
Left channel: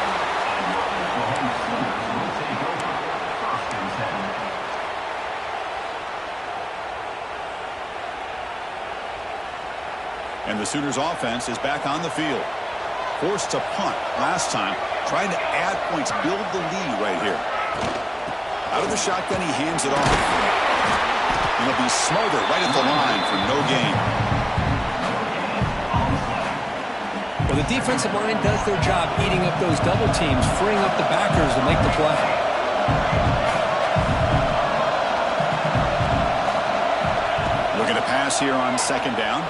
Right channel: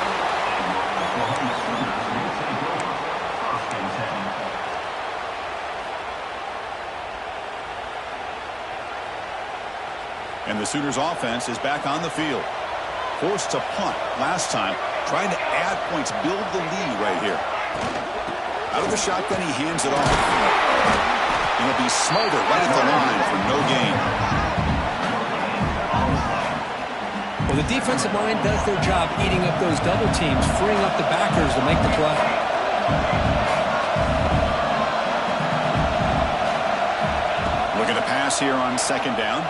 And the Sooners offense is back on the field. Forced to punt last time, trying to add points, build the lead right here. Out of the shotgun, he hands it off. And he'll be smothered right at the line for no gain. Well, the defensive line does their job eating up those double teams, freeing up the backers to make the play. Looking to pass here on second down.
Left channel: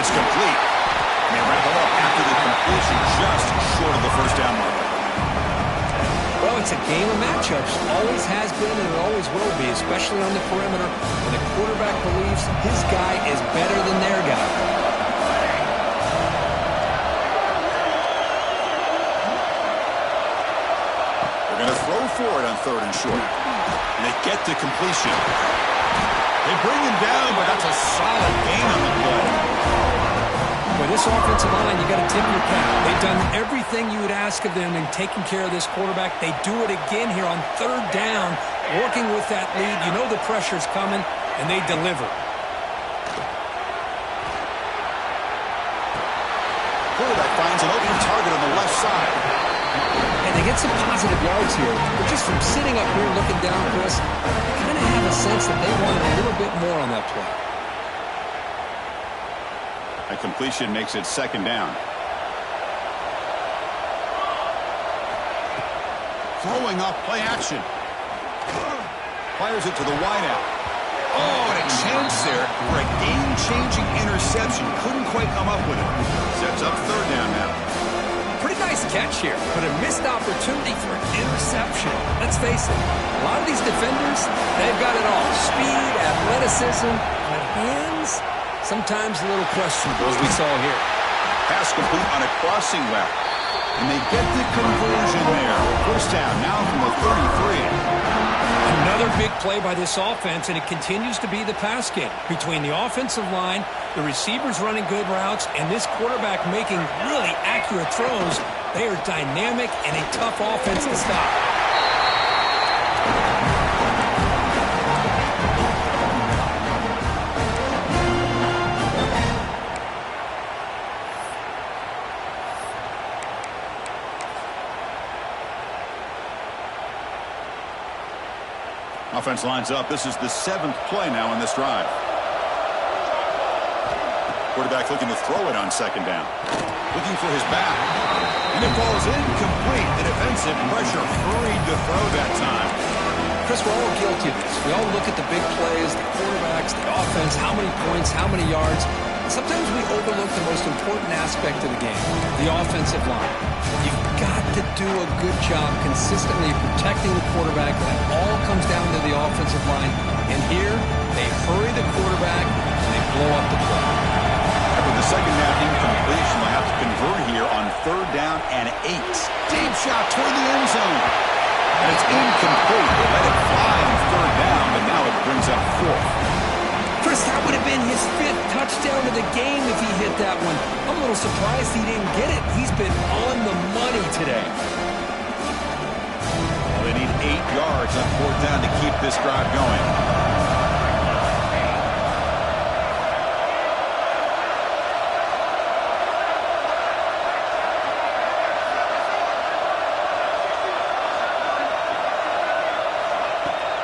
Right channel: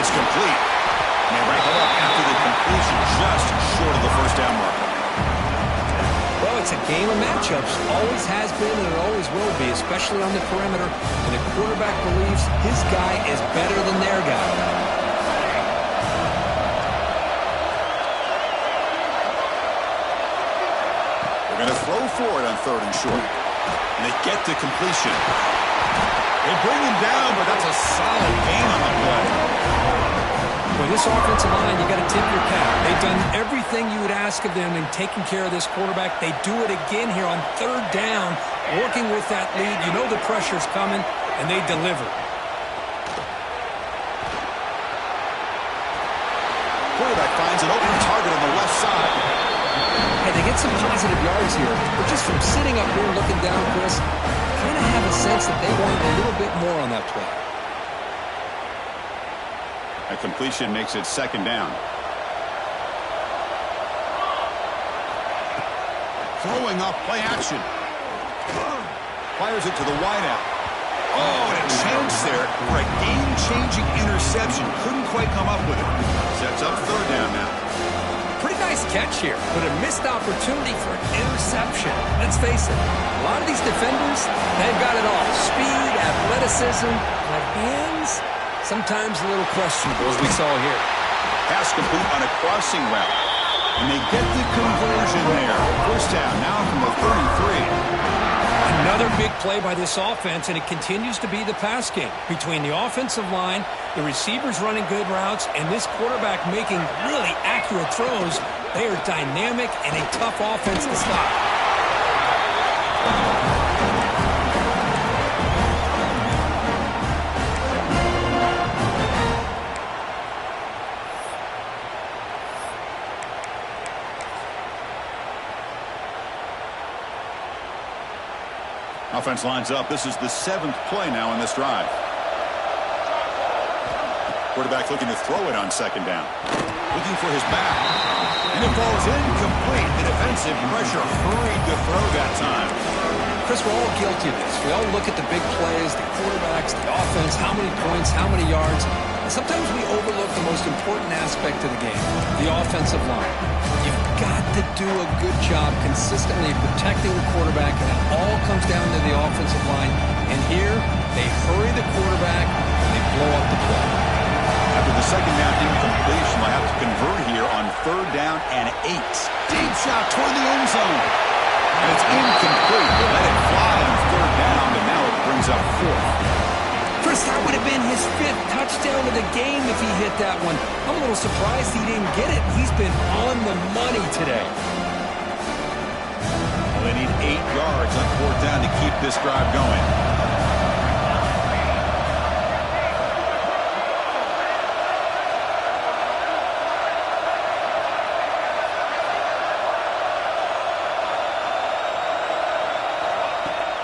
It's complete. And they wrap it up after the completion, just short of the first down marker. Well, it's a game of matchups. Always has been and it always will be, especially on the perimeter. When the quarterback believes his guy is better than their guy. They're going to throw for it on third and short. And they get the completion. They bring him down, but that's a solid gain on the play. With this offensive line, you got to tip your cap. They've done everything you would ask of them in taking care of this quarterback. They do it again here on third down, working with that lead. You know the pressure's coming, and they deliver. Quarterback finds an open target on the left side. Hey, they get some positive yards here, but just from sitting up here looking down, Chris, kind of have a sense that they wanted a little bit more on that play. A completion makes it second down. Throwing off play action. Fires it to the wideout. Oh, and a chance there for a game-changing interception. Couldn't quite come up with it. Sets up third down now. Pretty nice catch here, but a missed opportunity for an interception. Let's face it, a lot of these defenders, they've got it all. Speed, athleticism, but hands, sometimes a little questionable, as we saw here. Pass complete on a crossing route. And they get the conversion there. First down now from the 33. Another big play by this offense, and it continues to be the pass game. Between the offensive line, the receivers running good routes, and this quarterback making really accurate throws, they are dynamic and a tough offense to stop. Offense lines up. This is the 7th play now in this drive. Quarterback looking to throw it on second down. Looking for his back. And it falls incomplete. The defensive pressure hurried to throw that time. Chris, we're all guilty of this. We all look at the big plays, the quarterbacks, the offense, how many points, how many yards. And sometimes we overlook the most important aspect of the game, the offensive line. You've got to do a good job consistently protecting the quarterback, and it all comes down to the offensive line. And here, they hurry the quarterback, and they blow up the play. After the second down incompletion, they'll have to convert here on 3rd down and 8. Deep shot toward the end zone. And it's incomplete. They let it fly on 3rd down, but now it brings up 4th. Chris, that would have been his 5th touchdown of the game if he hit that one. I'm a little surprised he didn't get it. He's been on the money today. Well, they need 8 yards on 4th down to keep this drive going.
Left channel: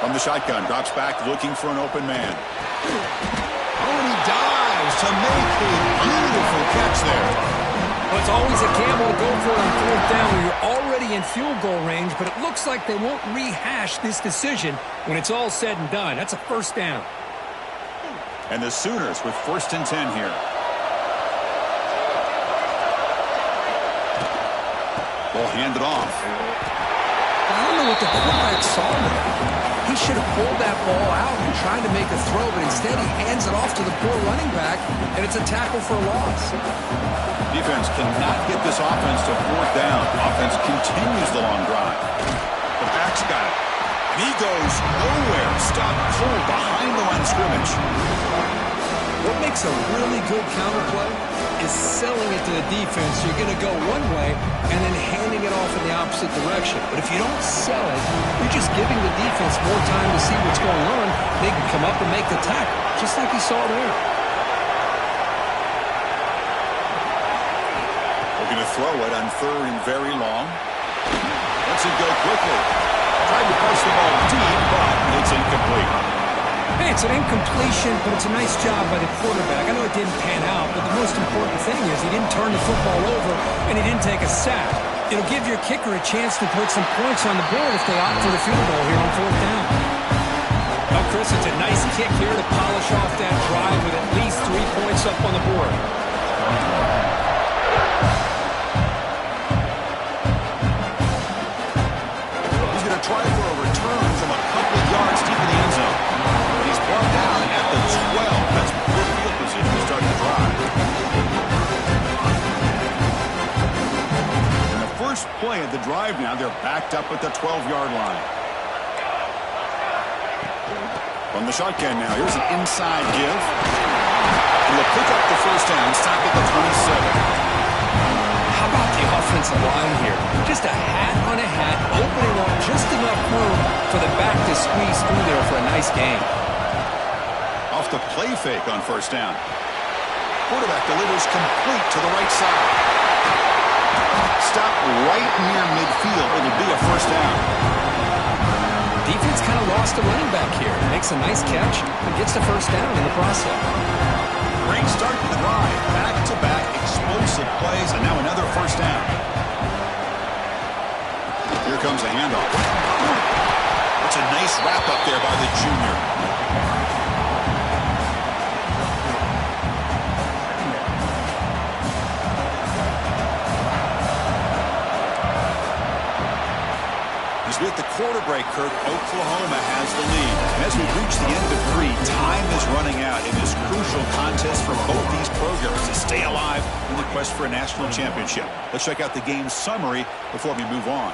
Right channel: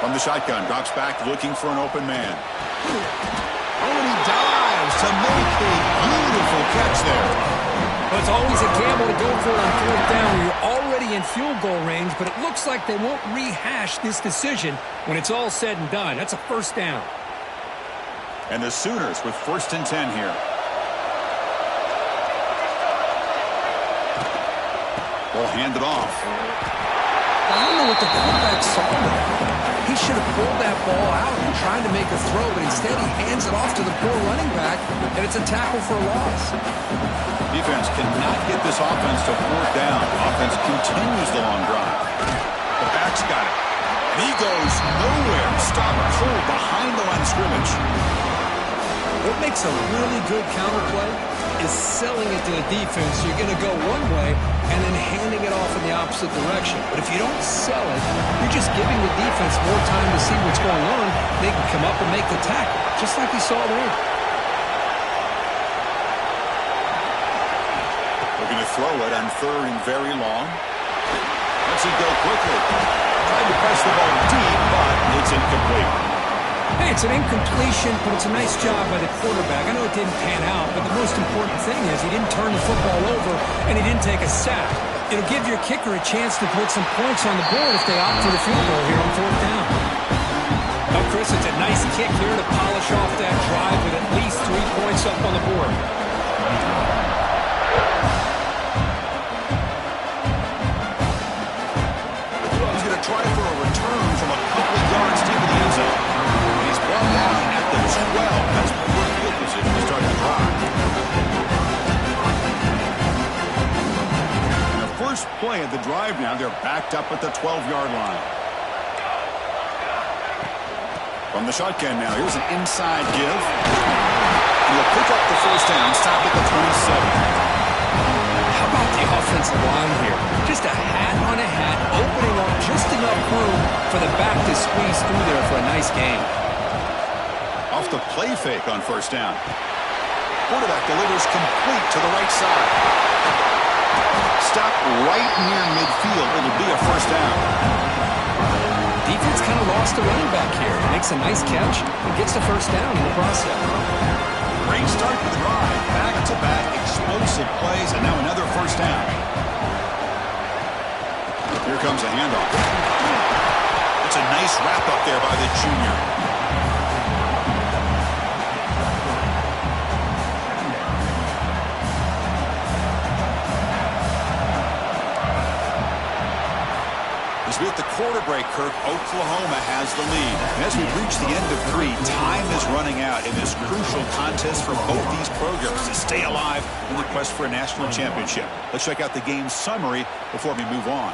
From the shotgun, drops back looking for an open man. Oh, and he dives to make a beautiful catch there. Well, it's always a gamble to go for it on 4th down where you're already in field goal range, but it looks like they won't rehash this decision when it's all said and done. That's a 1st down. And the Sooners with 1st and 10 here. Ball handed off. I don't know what the quarterback saw there. He should have pulled that ball out and tried to make a throw, but instead he hands it off to the poor running back, and it's a tackle for a loss. Defense cannot get this offense to 4th down. Offense continues the long drive. The back's got it. And he goes nowhere. Stop cold behind the line of scrimmage. What makes a really good counterplay is selling it to the defense. You're going to go one way and then handing it off in the opposite direction. But if you don't sell it, you're just giving the defense more time to see what's going on. They can come up and make the tackle, just like you saw there. Looking to throw it on 3rd and very long. Lets it go quickly. Tried to press the ball deep, but it's incomplete. Hey, it's an incompletion, but it's a nice job by the quarterback. I know it didn't pan out, but the most important thing is he didn't turn the football over and he didn't take a sack. It'll give your kicker a chance to put some points on the board if they opt for the field goal here on 4th down. Well, Chris, it's a nice kick here to polish off that drive with at least 3 points up on the board. He's going to try for a return from a couple of yards deep in the end zone. He's brought down at the 12. That's poor field position to start the drive. In the first play of the drive now, they're backed up at the 12-yard line. From the shotgun now, here's an inside give. And he'll pick up the 1st down, stop at the 27. How about the offensive line here? Just a hat on a hat, opening up just enough room for the back to squeeze through there for a nice gain. Off the play fake on 1st down. Quarterback delivers complete to the right side. Stop right near midfield. It'll be a 1st down. Defense kind of lost the running back here. Makes a nice catch and gets the 1st down in the process. Great start to the drive. Back-to-back explosive plays, and now another 1st down. Here comes a handoff. That's a nice wrap-up there by the junior. As we hit the quarter break, Kirk, Oklahoma has the lead. And as we reach the end of 3, time is running out in this crucial contest for both these programs to stay alive in the quest for a national championship. Let's check out the game summary before we move on.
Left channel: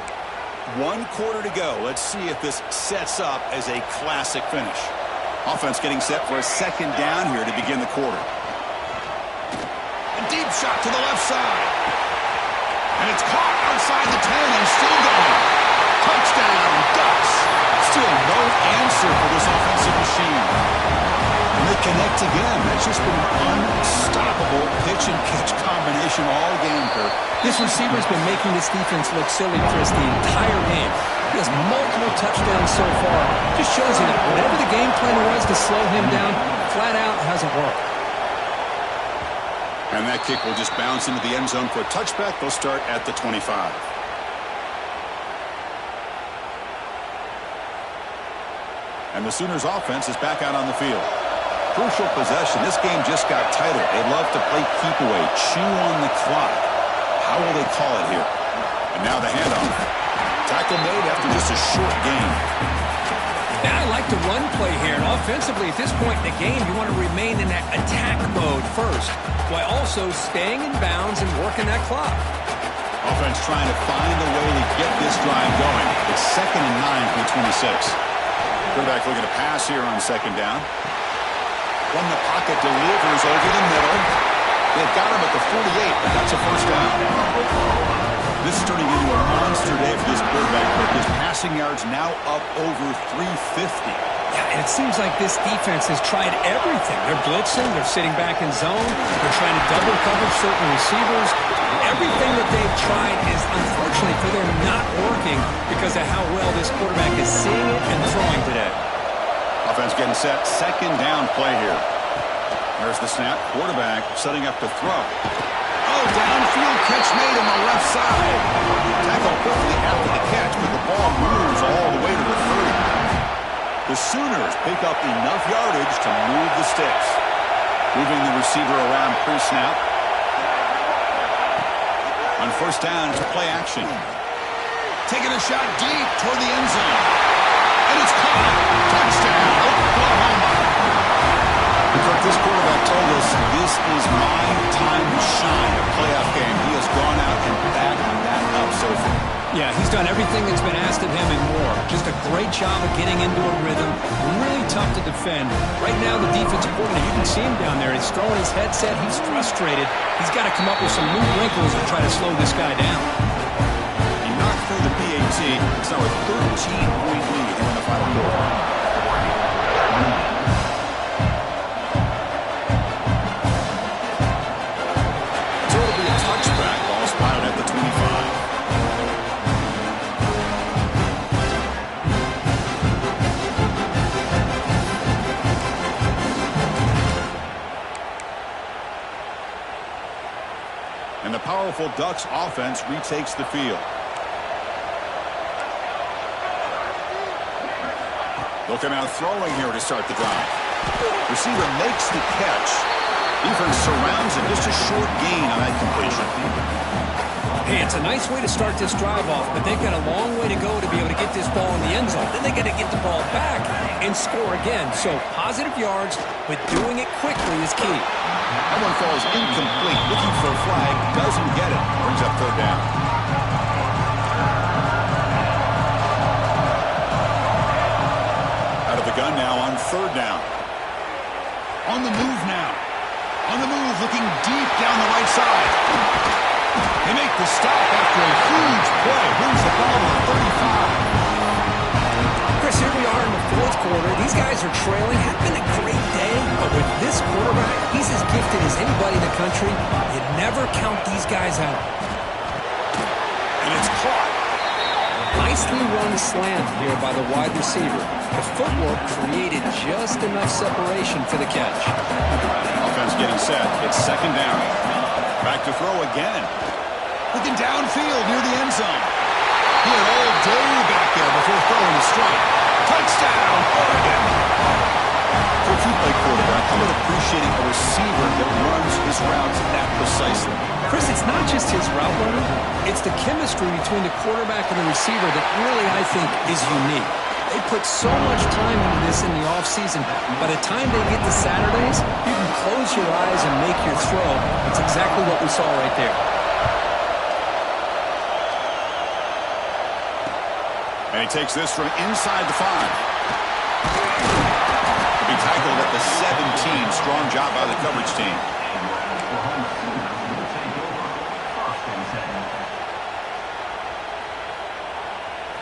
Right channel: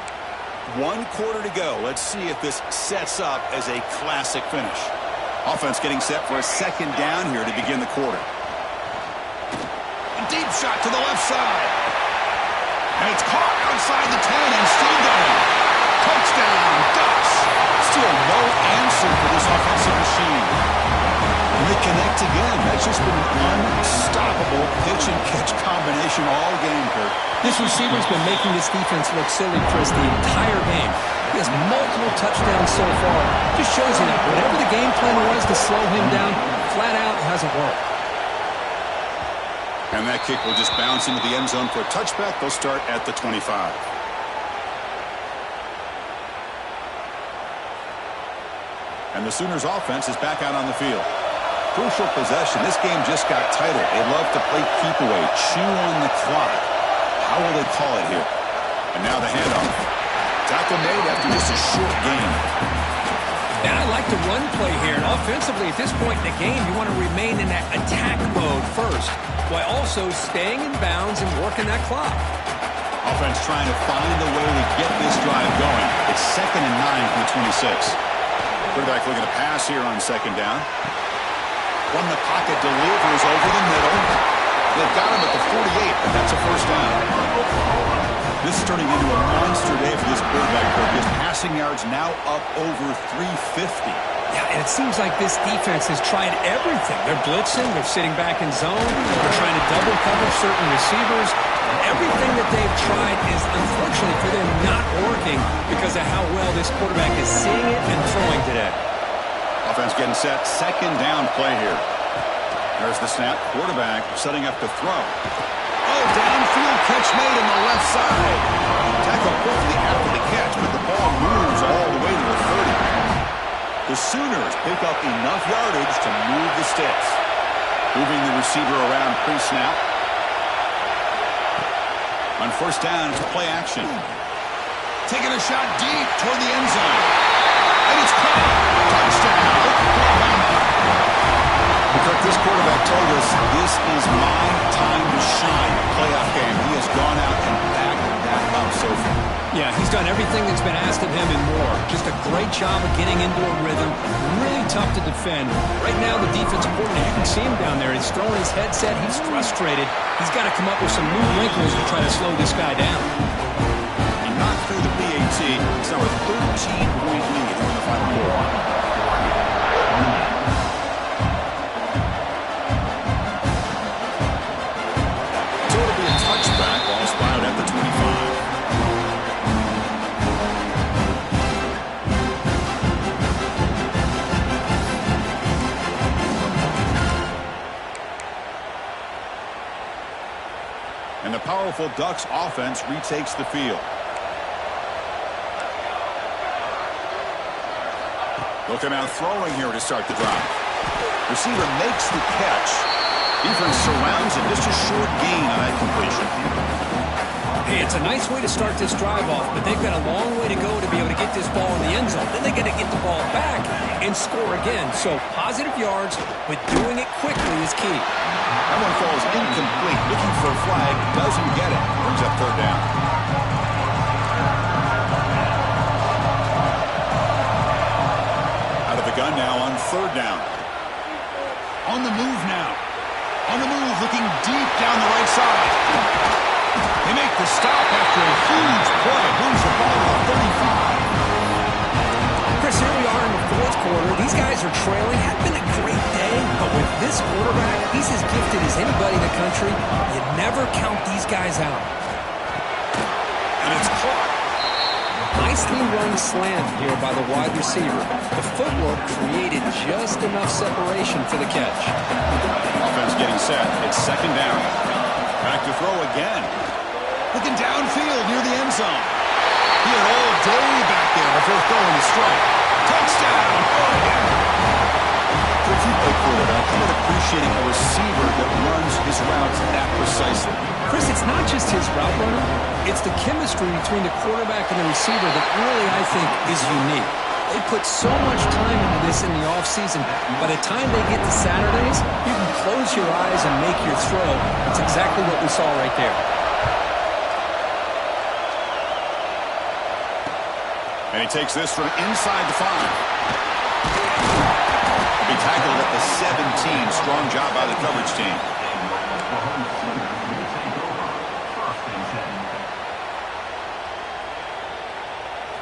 1 quarter to go. Let's see if this sets up as a classic finish. Offense getting set for a 2nd down here to begin the quarter. A deep shot to the left side. And it's caught outside the 10 and still going. Touchdown, Ducks. Still no answer for this offensive machine. And they connect again. That's just been an unstoppable pitch-and-catch combination all game, Kirk. This receiver's been making this defense look silly, Chris, the entire game. He has multiple touchdowns so far. Just shows you that whatever the game plan was to slow him down, flat out hasn't worked. And that kick will just bounce into the end zone for a touchback. They'll start at the 25. And the Sooners offense is back out on the field. Crucial possession. This game just got tighter. They love to play keep away, chew on the clock. How will they call it here? And now the handoff. Tackle made after just a short gain. Yeah, I like the run play here. And offensively, at this point in the game, you want to remain in that attack mode first, while also staying in bounds and working that clock. Offense trying to find a way to get this drive going. It's 2nd and 9 from the 26. Quarterback looking to pass here on 2nd down. From the pocket, delivers over the middle. They've got him at the 48, but that's a first down. This is turning into a monster day for this quarterback. His passing yards now up over 350. Yeah, and it seems like this defense has tried everything. They're blitzing, they're sitting back in zone, they're trying to double cover certain receivers. Everything that they've tried is, unfortunately for them, not working because of how well this quarterback is seeing it and throwing today. Offense getting set. 2nd down play here. There's the snap. Quarterback setting up to throw. Oh, downfield catch made on the left side. Tackled quickly after the catch, but the ball moves all the way to the 30. The Sooners pick up enough yardage to move the sticks. Moving the receiver around pre-snap. On 1st down, it's play action. Taking a shot deep toward the end zone. And it's caught. Touchdown, Oklahoma. Kirk, this quarterback told us this is my time to shine, a playoff game. He has gone out and backed that up so far. Yeah, he's done everything that's been asked of him and more. Just a great job of getting into a rhythm. Really tough to defend. Right now, the defensive coordinator, you can see him down there. He's throwing his headset. He's frustrated. He's got to come up with some new wrinkles to try to slow this guy down. He knocked through the PAT. It's now a 13-point lead here in the final quarter. Touchback, ball spotted at the 25. And the powerful Ducks offense retakes the field. They'll come out throwing here to start the drive. Receiver makes the catch. Defense surrounds him. Just a short gain on that completion. Hey, it's a nice way to start this drive off, but they've got a long way to go to be able to get this ball in the end zone. Then they got to get the ball back and score again. So positive yards, but doing it quickly is key. That one falls incomplete. Looking for a flag. Doesn't get it. Brings up 3rd down. Out of the gun now on 3rd down. On the move now. On the move, looking deep down the right side. They make the stop after a huge play. Moves the ball to the 35. Chris, here we are in the 4th quarter. These guys are trailing. Hadn't been a great day, but with this quarterback, he's as gifted as anybody in the country. You never count these guys out. And it's caught. Nicely run slant here by the wide receiver. The footwork created just enough separation for the catch. Offense getting set. It's 2nd down. Back to throw again. Looking downfield near the end zone. He had all day back there before throwing the strike. Touchdown, Oregon. If you play quarterback, how about appreciating a receiver that runs his routes that precisely? Chris, it's not just his route runner. It's the chemistry between the quarterback and the receiver that really, I think, is unique. They put so much time into this in the offseason. By the time they get to Saturdays, you can close your eyes and make your throw. That's exactly what we saw right there. And he takes this from inside the 5. He'll be tackled at the 17. Strong job by the coverage team.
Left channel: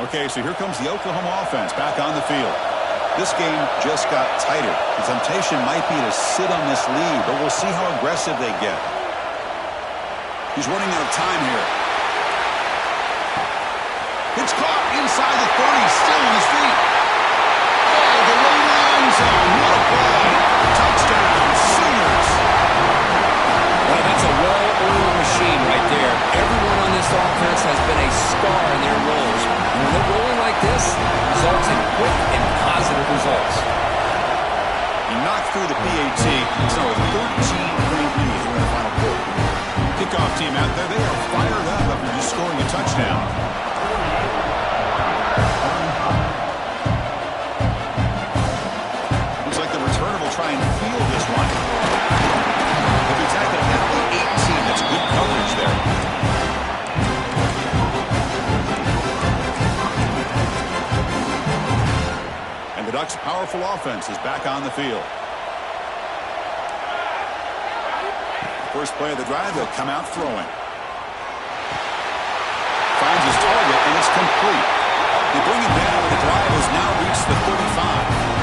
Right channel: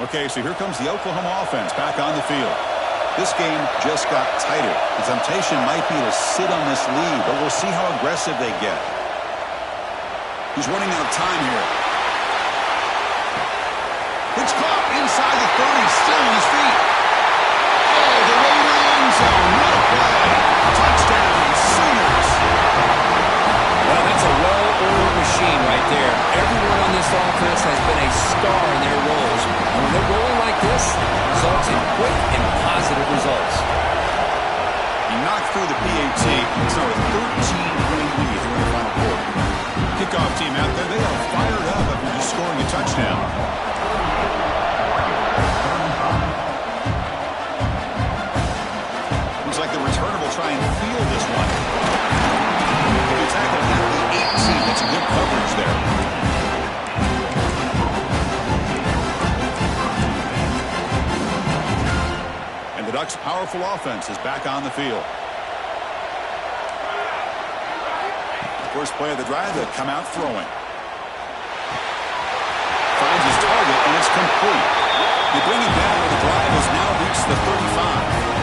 Okay, so here comes the Oklahoma offense back on the field. This game just got tighter. The temptation might be to sit on this lead, but we'll see how aggressive they get. He's running out of time here. It's caught inside the 30, still on his feet. All the way to the end zone. What a play. Touchdown, Sooners. Well, that's a well-oiled machine right there. Everyone on this offense has been a star in their roles. And when they're rolling like this, results in quick and positive results. He knocked through the PAT. It's now a 13-point lead here in the final quarter. Kickoff team out there, they are fired up after just scoring a touchdown. try and field this one. He'll be tackled at the 18. That's good coverage there. And the Ducks' powerful offense is back on the field. First play of the drive, they'll come out throwing. Finds his target, and it's complete. They bring him down, and the drive has now reached the 35.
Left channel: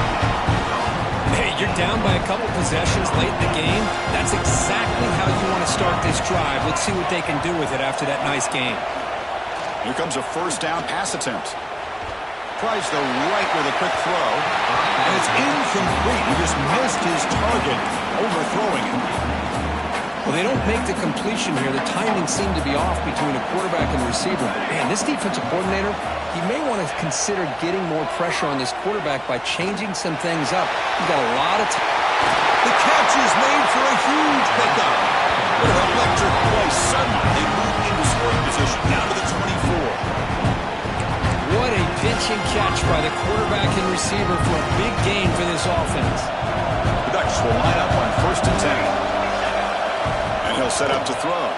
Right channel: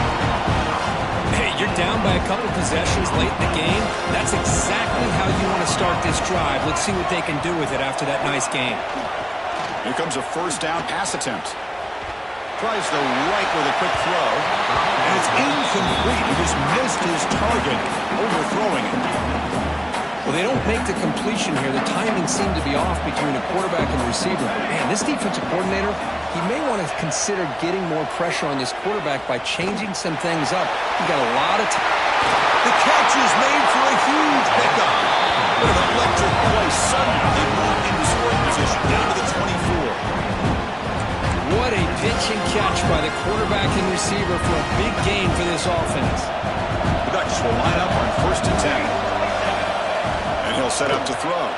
Hey, you're down by a couple possessions late in the game. That's exactly how you want to start this drive. Let's see what they can do with it after that nice game. Here comes a first down pass attempt. Tries the right with a quick throw, and it's incomplete. He just missed his target, overthrowing it. Well, they don't make the completion here. The timing seemed to be off between a quarterback and a receiver. But, man, this defensive coordinator, he may want to consider getting more pressure on this quarterback by changing some things up. He's got a lot of time. The catch is made for a huge pickup. What an electric play. Suddenly, they move into scoring position, down to the 24. What a pitch and catch by the quarterback and receiver for a big gain for this offense. The Ducks will line up on 1st and 10. And he'll set up to throw.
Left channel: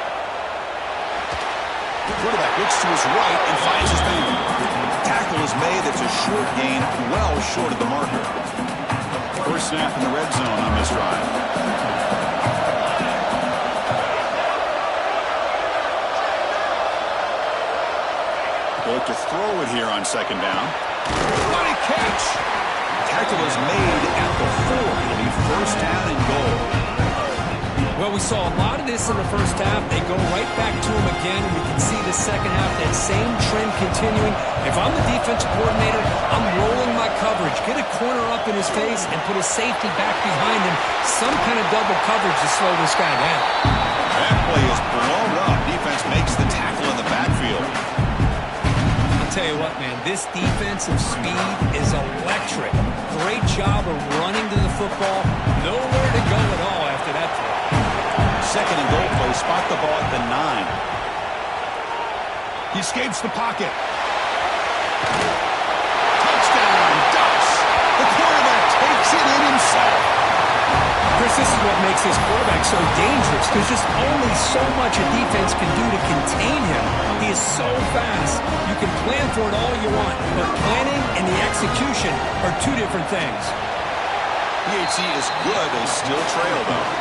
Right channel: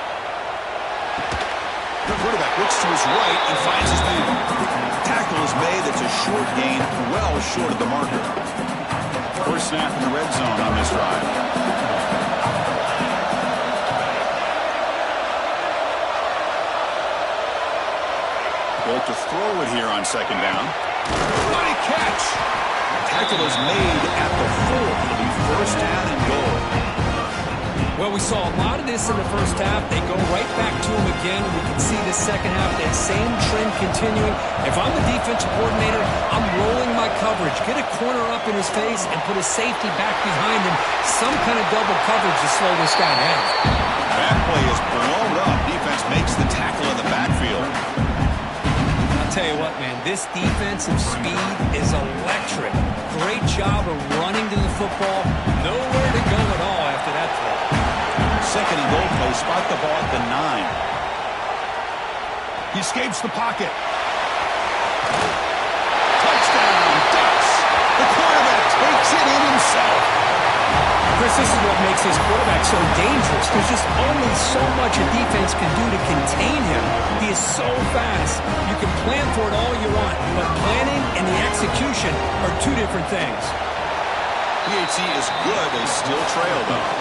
The quarterback looks to his right and finds his man. Tackle is made. That's a short gain, well short of the marker. First snap in the red zone on this drive. They look to throw it here on 2nd down. What a catch! Tackle is made at the 4. It'll be 1st down and goal. Well, we saw a lot of this in the first half. They go right back to him again. We can see the second half, that same trend continuing. If I'm the defensive coordinator, I'm rolling my coverage. Get a corner up in his face and put a safety back behind him. Some kind of double coverage to slow this guy down. That play is blown up. Defense makes the tackle in the backfield. I'll tell you what, man, this defensive speed is electric. Great job of running to the football. Nowhere to go at all after that throw. 2nd and goal play. Spot the ball at the 9. He escapes the pocket. Touchdown, Ducks. The quarterback takes it in himself. Chris, this is what makes this quarterback so dangerous. There's just only so much a defense can do to contain him. He is so fast. You can plan for it all you want, but planning and the execution are two different things. PHC is good. They still trail, though.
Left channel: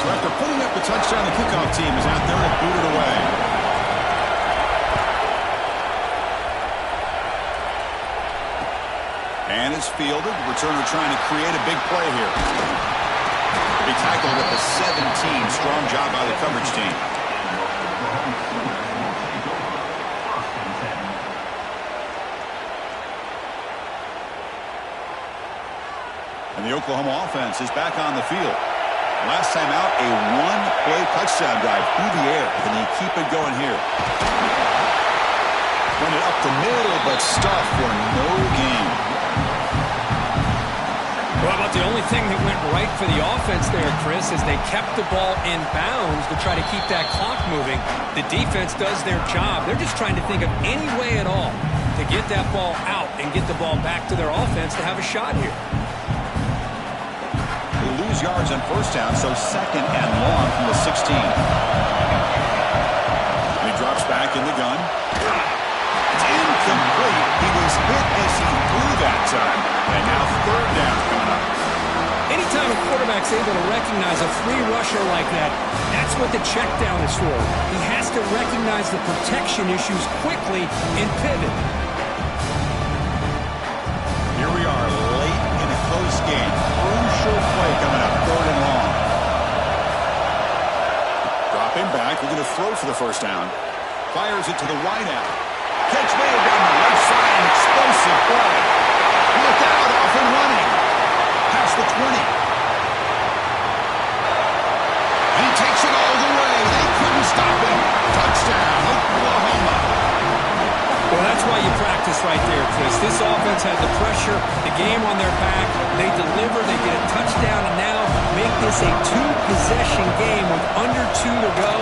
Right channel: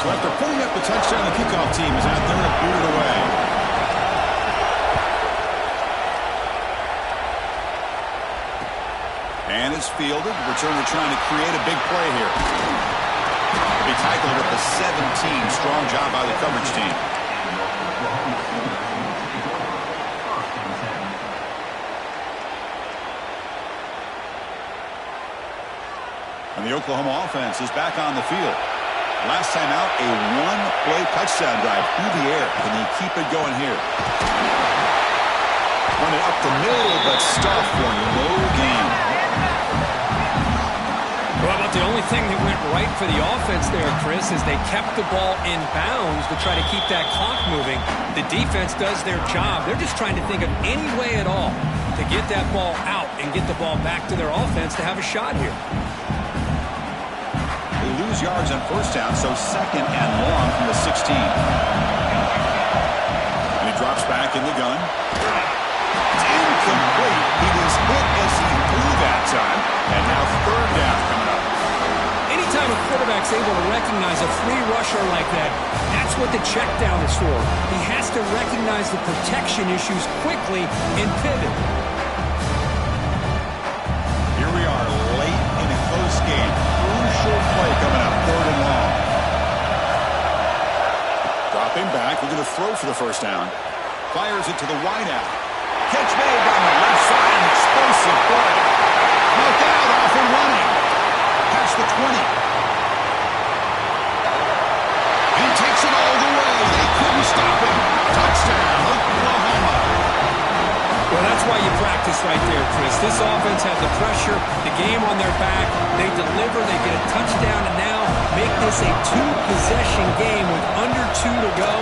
So after putting up the touchdown, the kickoff team is out there and booted away. And it's fielded. Returner trying to create a big play here. He'll be tackled at the 17. Strong job by the coverage team. And the Oklahoma offense is back on the field. Last time out, a one-play touchdown drive through the air. Can they keep it going here? Run it up the middle, but stuff for no gain. Well, about the only thing that went right for the offense there, Chris, is they kept the ball in bounds to try to keep that clock moving. The defense does their job. They're just trying to think of any way at all to get that ball out and get the ball back to their offense to have a shot here. They lose yards on 1st down, so 2nd and long from the 16. And he drops back in the gun. It's incomplete. He was hit as he threw that time. And now 3rd down coming up. Anytime a quarterback's able to recognize a free rusher like that, that's what the check down is for. He has to recognize the protection issues quickly and pivot. Here we are late in a close game. Crucial play coming up, 3rd and long. Dropping back, looking to throw for the 1st down. Fires it to the wideout. Catch made down the left side, an explosive play. Look out, off and running. Past the 20. And he takes it all the way. They couldn't stop him. Touchdown, Oklahoma. Well, that's why you practice right there, Chris. This offense had the pressure, the game on their back. They deliver, they get a touchdown, and now make this a 2-possession game with under 2 to go.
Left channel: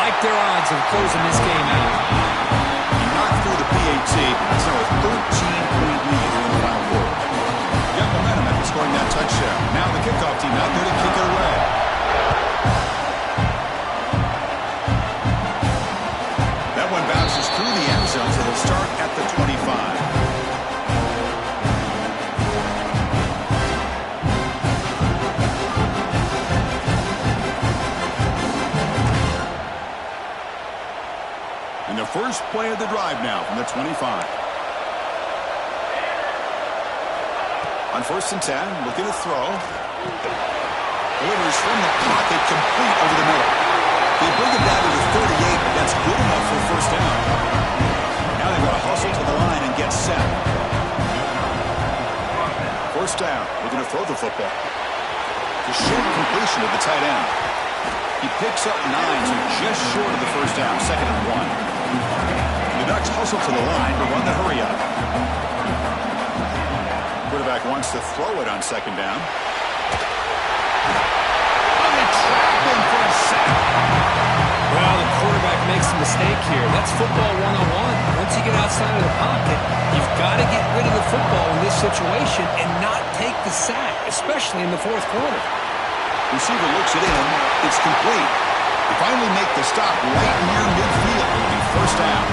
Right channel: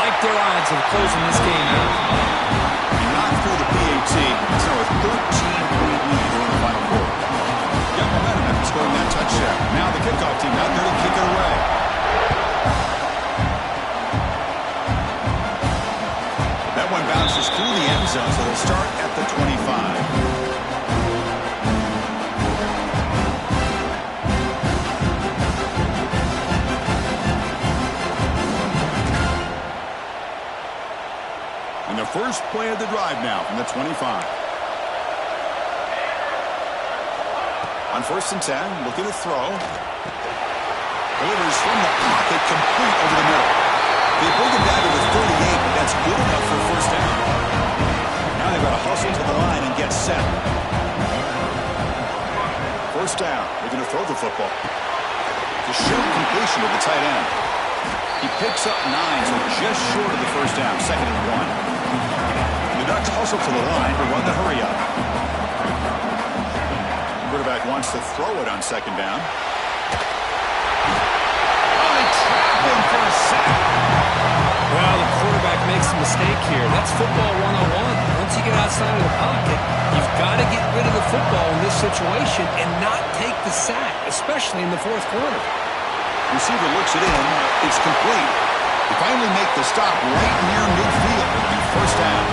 Like their odds of closing this game out. He knocked through the PAT. It's now a 13-point lead here in the final quarter. Got momentum after scoring that touchdown. Now the kickoff team out there to kick it away. That one bounces through the end zone, so they'll start at the 25. And the first play of the drive now from the 25. On 1st and 10, looking to throw. Delivers from the pocket, complete over the middle. They bring it down to the 38, but that's good enough for first down. Now they've got to hustle to the line and get set. First down, looking to throw the football. The short completion of the tight end. He picks up 9, so just short of the first down, 2nd and 1. The Ducks hustle to the line to run the hurry-up. Quarterback wants to throw it on 2nd down. Oh, they trap him for a sack. Well, the quarterback makes a mistake here. That's football 101. Once you get outside of the pocket, you've got to get rid of the football in this situation and not take the sack, especially in the 4th quarter. Receiver looks it in. It's complete. They finally make the stop right near midfield. It'll be first down.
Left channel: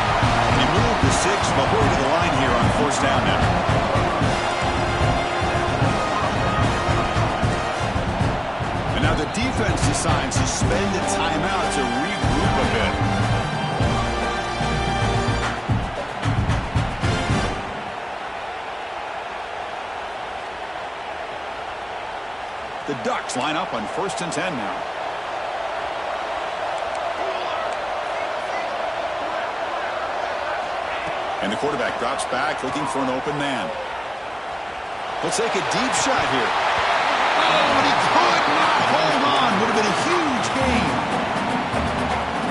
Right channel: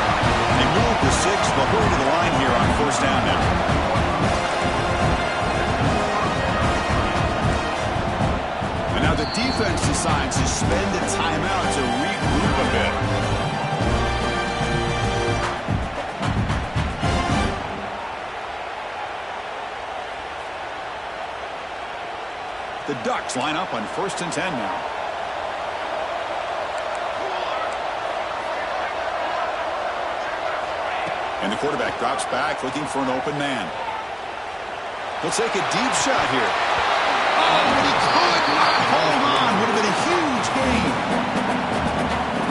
They move the 6, but hurry to the line here on 1st down now. And now the defense decides to spend a timeout to regroup a bit. The Ducks line up on 1st and 10 now. And the quarterback drops back, looking for an open man. He'll take a deep shot here. Oh, but he could not hold on. Would have been a huge gain.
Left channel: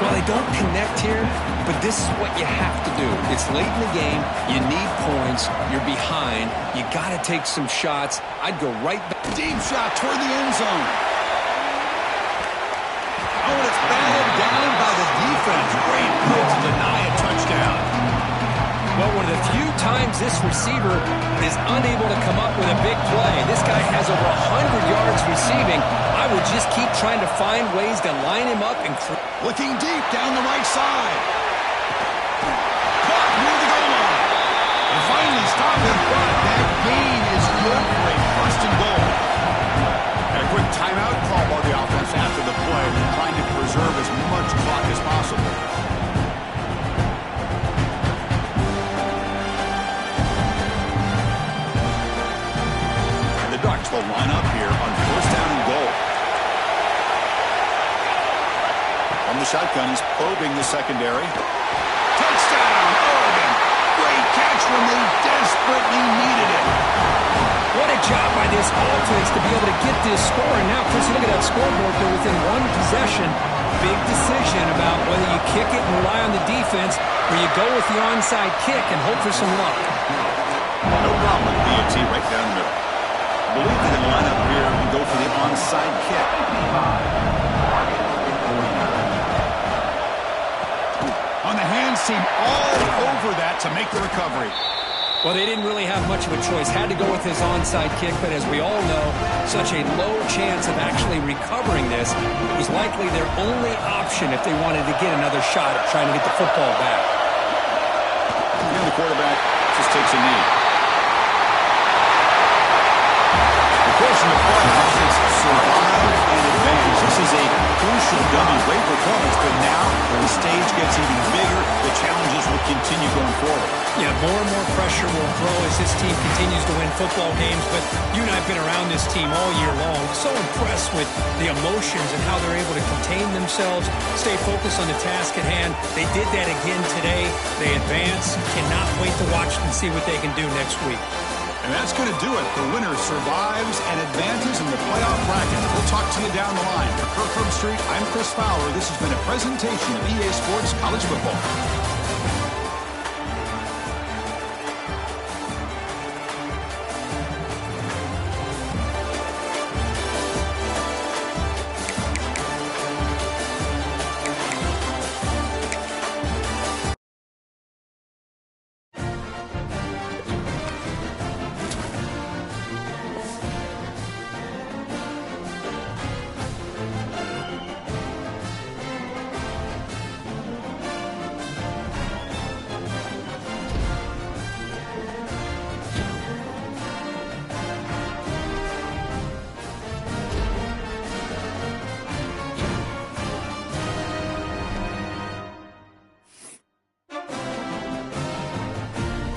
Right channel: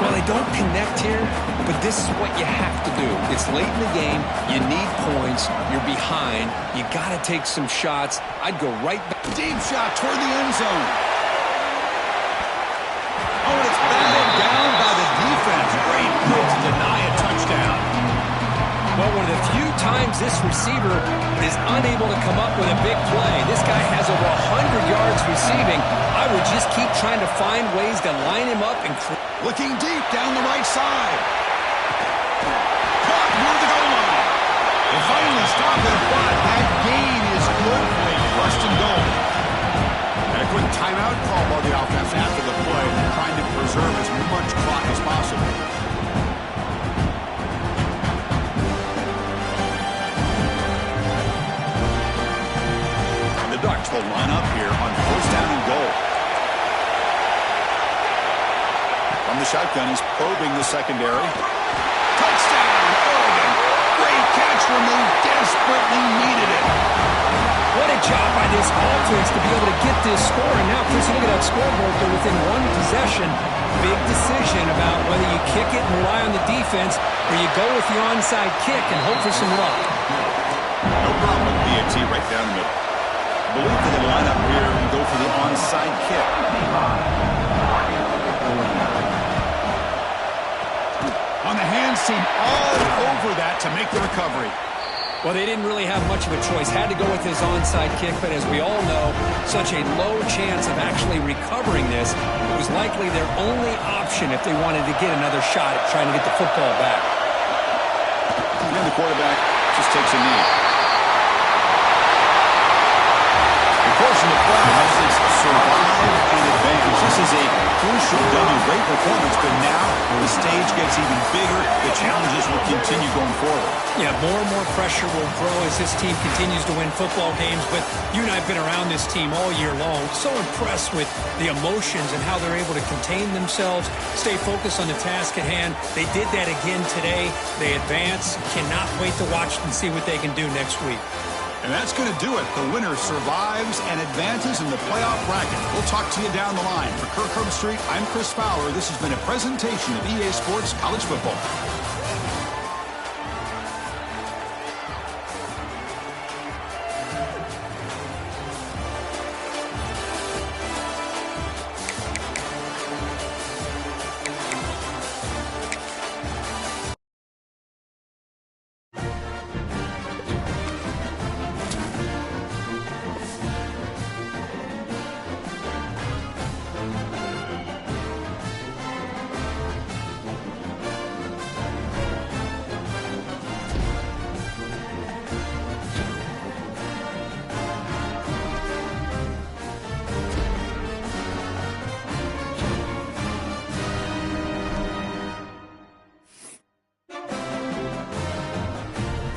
Well, they don't connect here, but this is what you have to do. It's late in the game. You need points. You're behind. You got to take some shots. I'd go right back. Deep shot toward the end zone. Oh, and it's batted down by the defense. Great play to deny a touchdown. Well, one of the few times this receiver is unable to come up with a big play. This guy has over 100 yards receiving. I would just keep trying to find ways to line him up and... Looking deep down the right side. Caught near the goal line. They finally stop him, but that gain is good for a 1st and goal. And a quick timeout call by the offense after the play, trying to preserve as much clock as possible. The Ducks will line up here on 1st down and goal. From the shotgun, he's probing the secondary. Touchdown, Oregon. Great catch when they desperately needed it. What a job by this offense to be able to get this score. And now, Chris, you look at that scoreboard. They're within 1 possession. Big decision about whether you kick it and rely on the defense or you go with the onside kick and hope for some luck. No problem with BAT right down the middle. I believe they can line up here and go for the onside kick. On the hands team all over that to make the recovery. Well, they didn't really have much of a choice. Had to go with his onside kick, but as we all know, such a low chance of actually recovering this. It was likely their only option if they wanted to get another shot at trying to get the football back. And then the quarterback just takes a knee. Of course, in the playoffs, it's survive and advance. This is a crucial W. Great performance, but now the stage gets even bigger. The challenges will continue going forward. Yeah, more and more pressure will grow as this team continues to win football games. But you and I have been around this team all year long. So impressed with the emotions and how they're able to contain themselves, stay focused on the task at hand. They did that again today. They advance. Cannot wait to watch and see what they can do next week. And that's going to do it. The winner survives and advances in the playoff bracket. We'll talk to you down the line. For Kirk Herbstreit, I'm Chris Fowler. This has been a presentation of EA Sports College Football.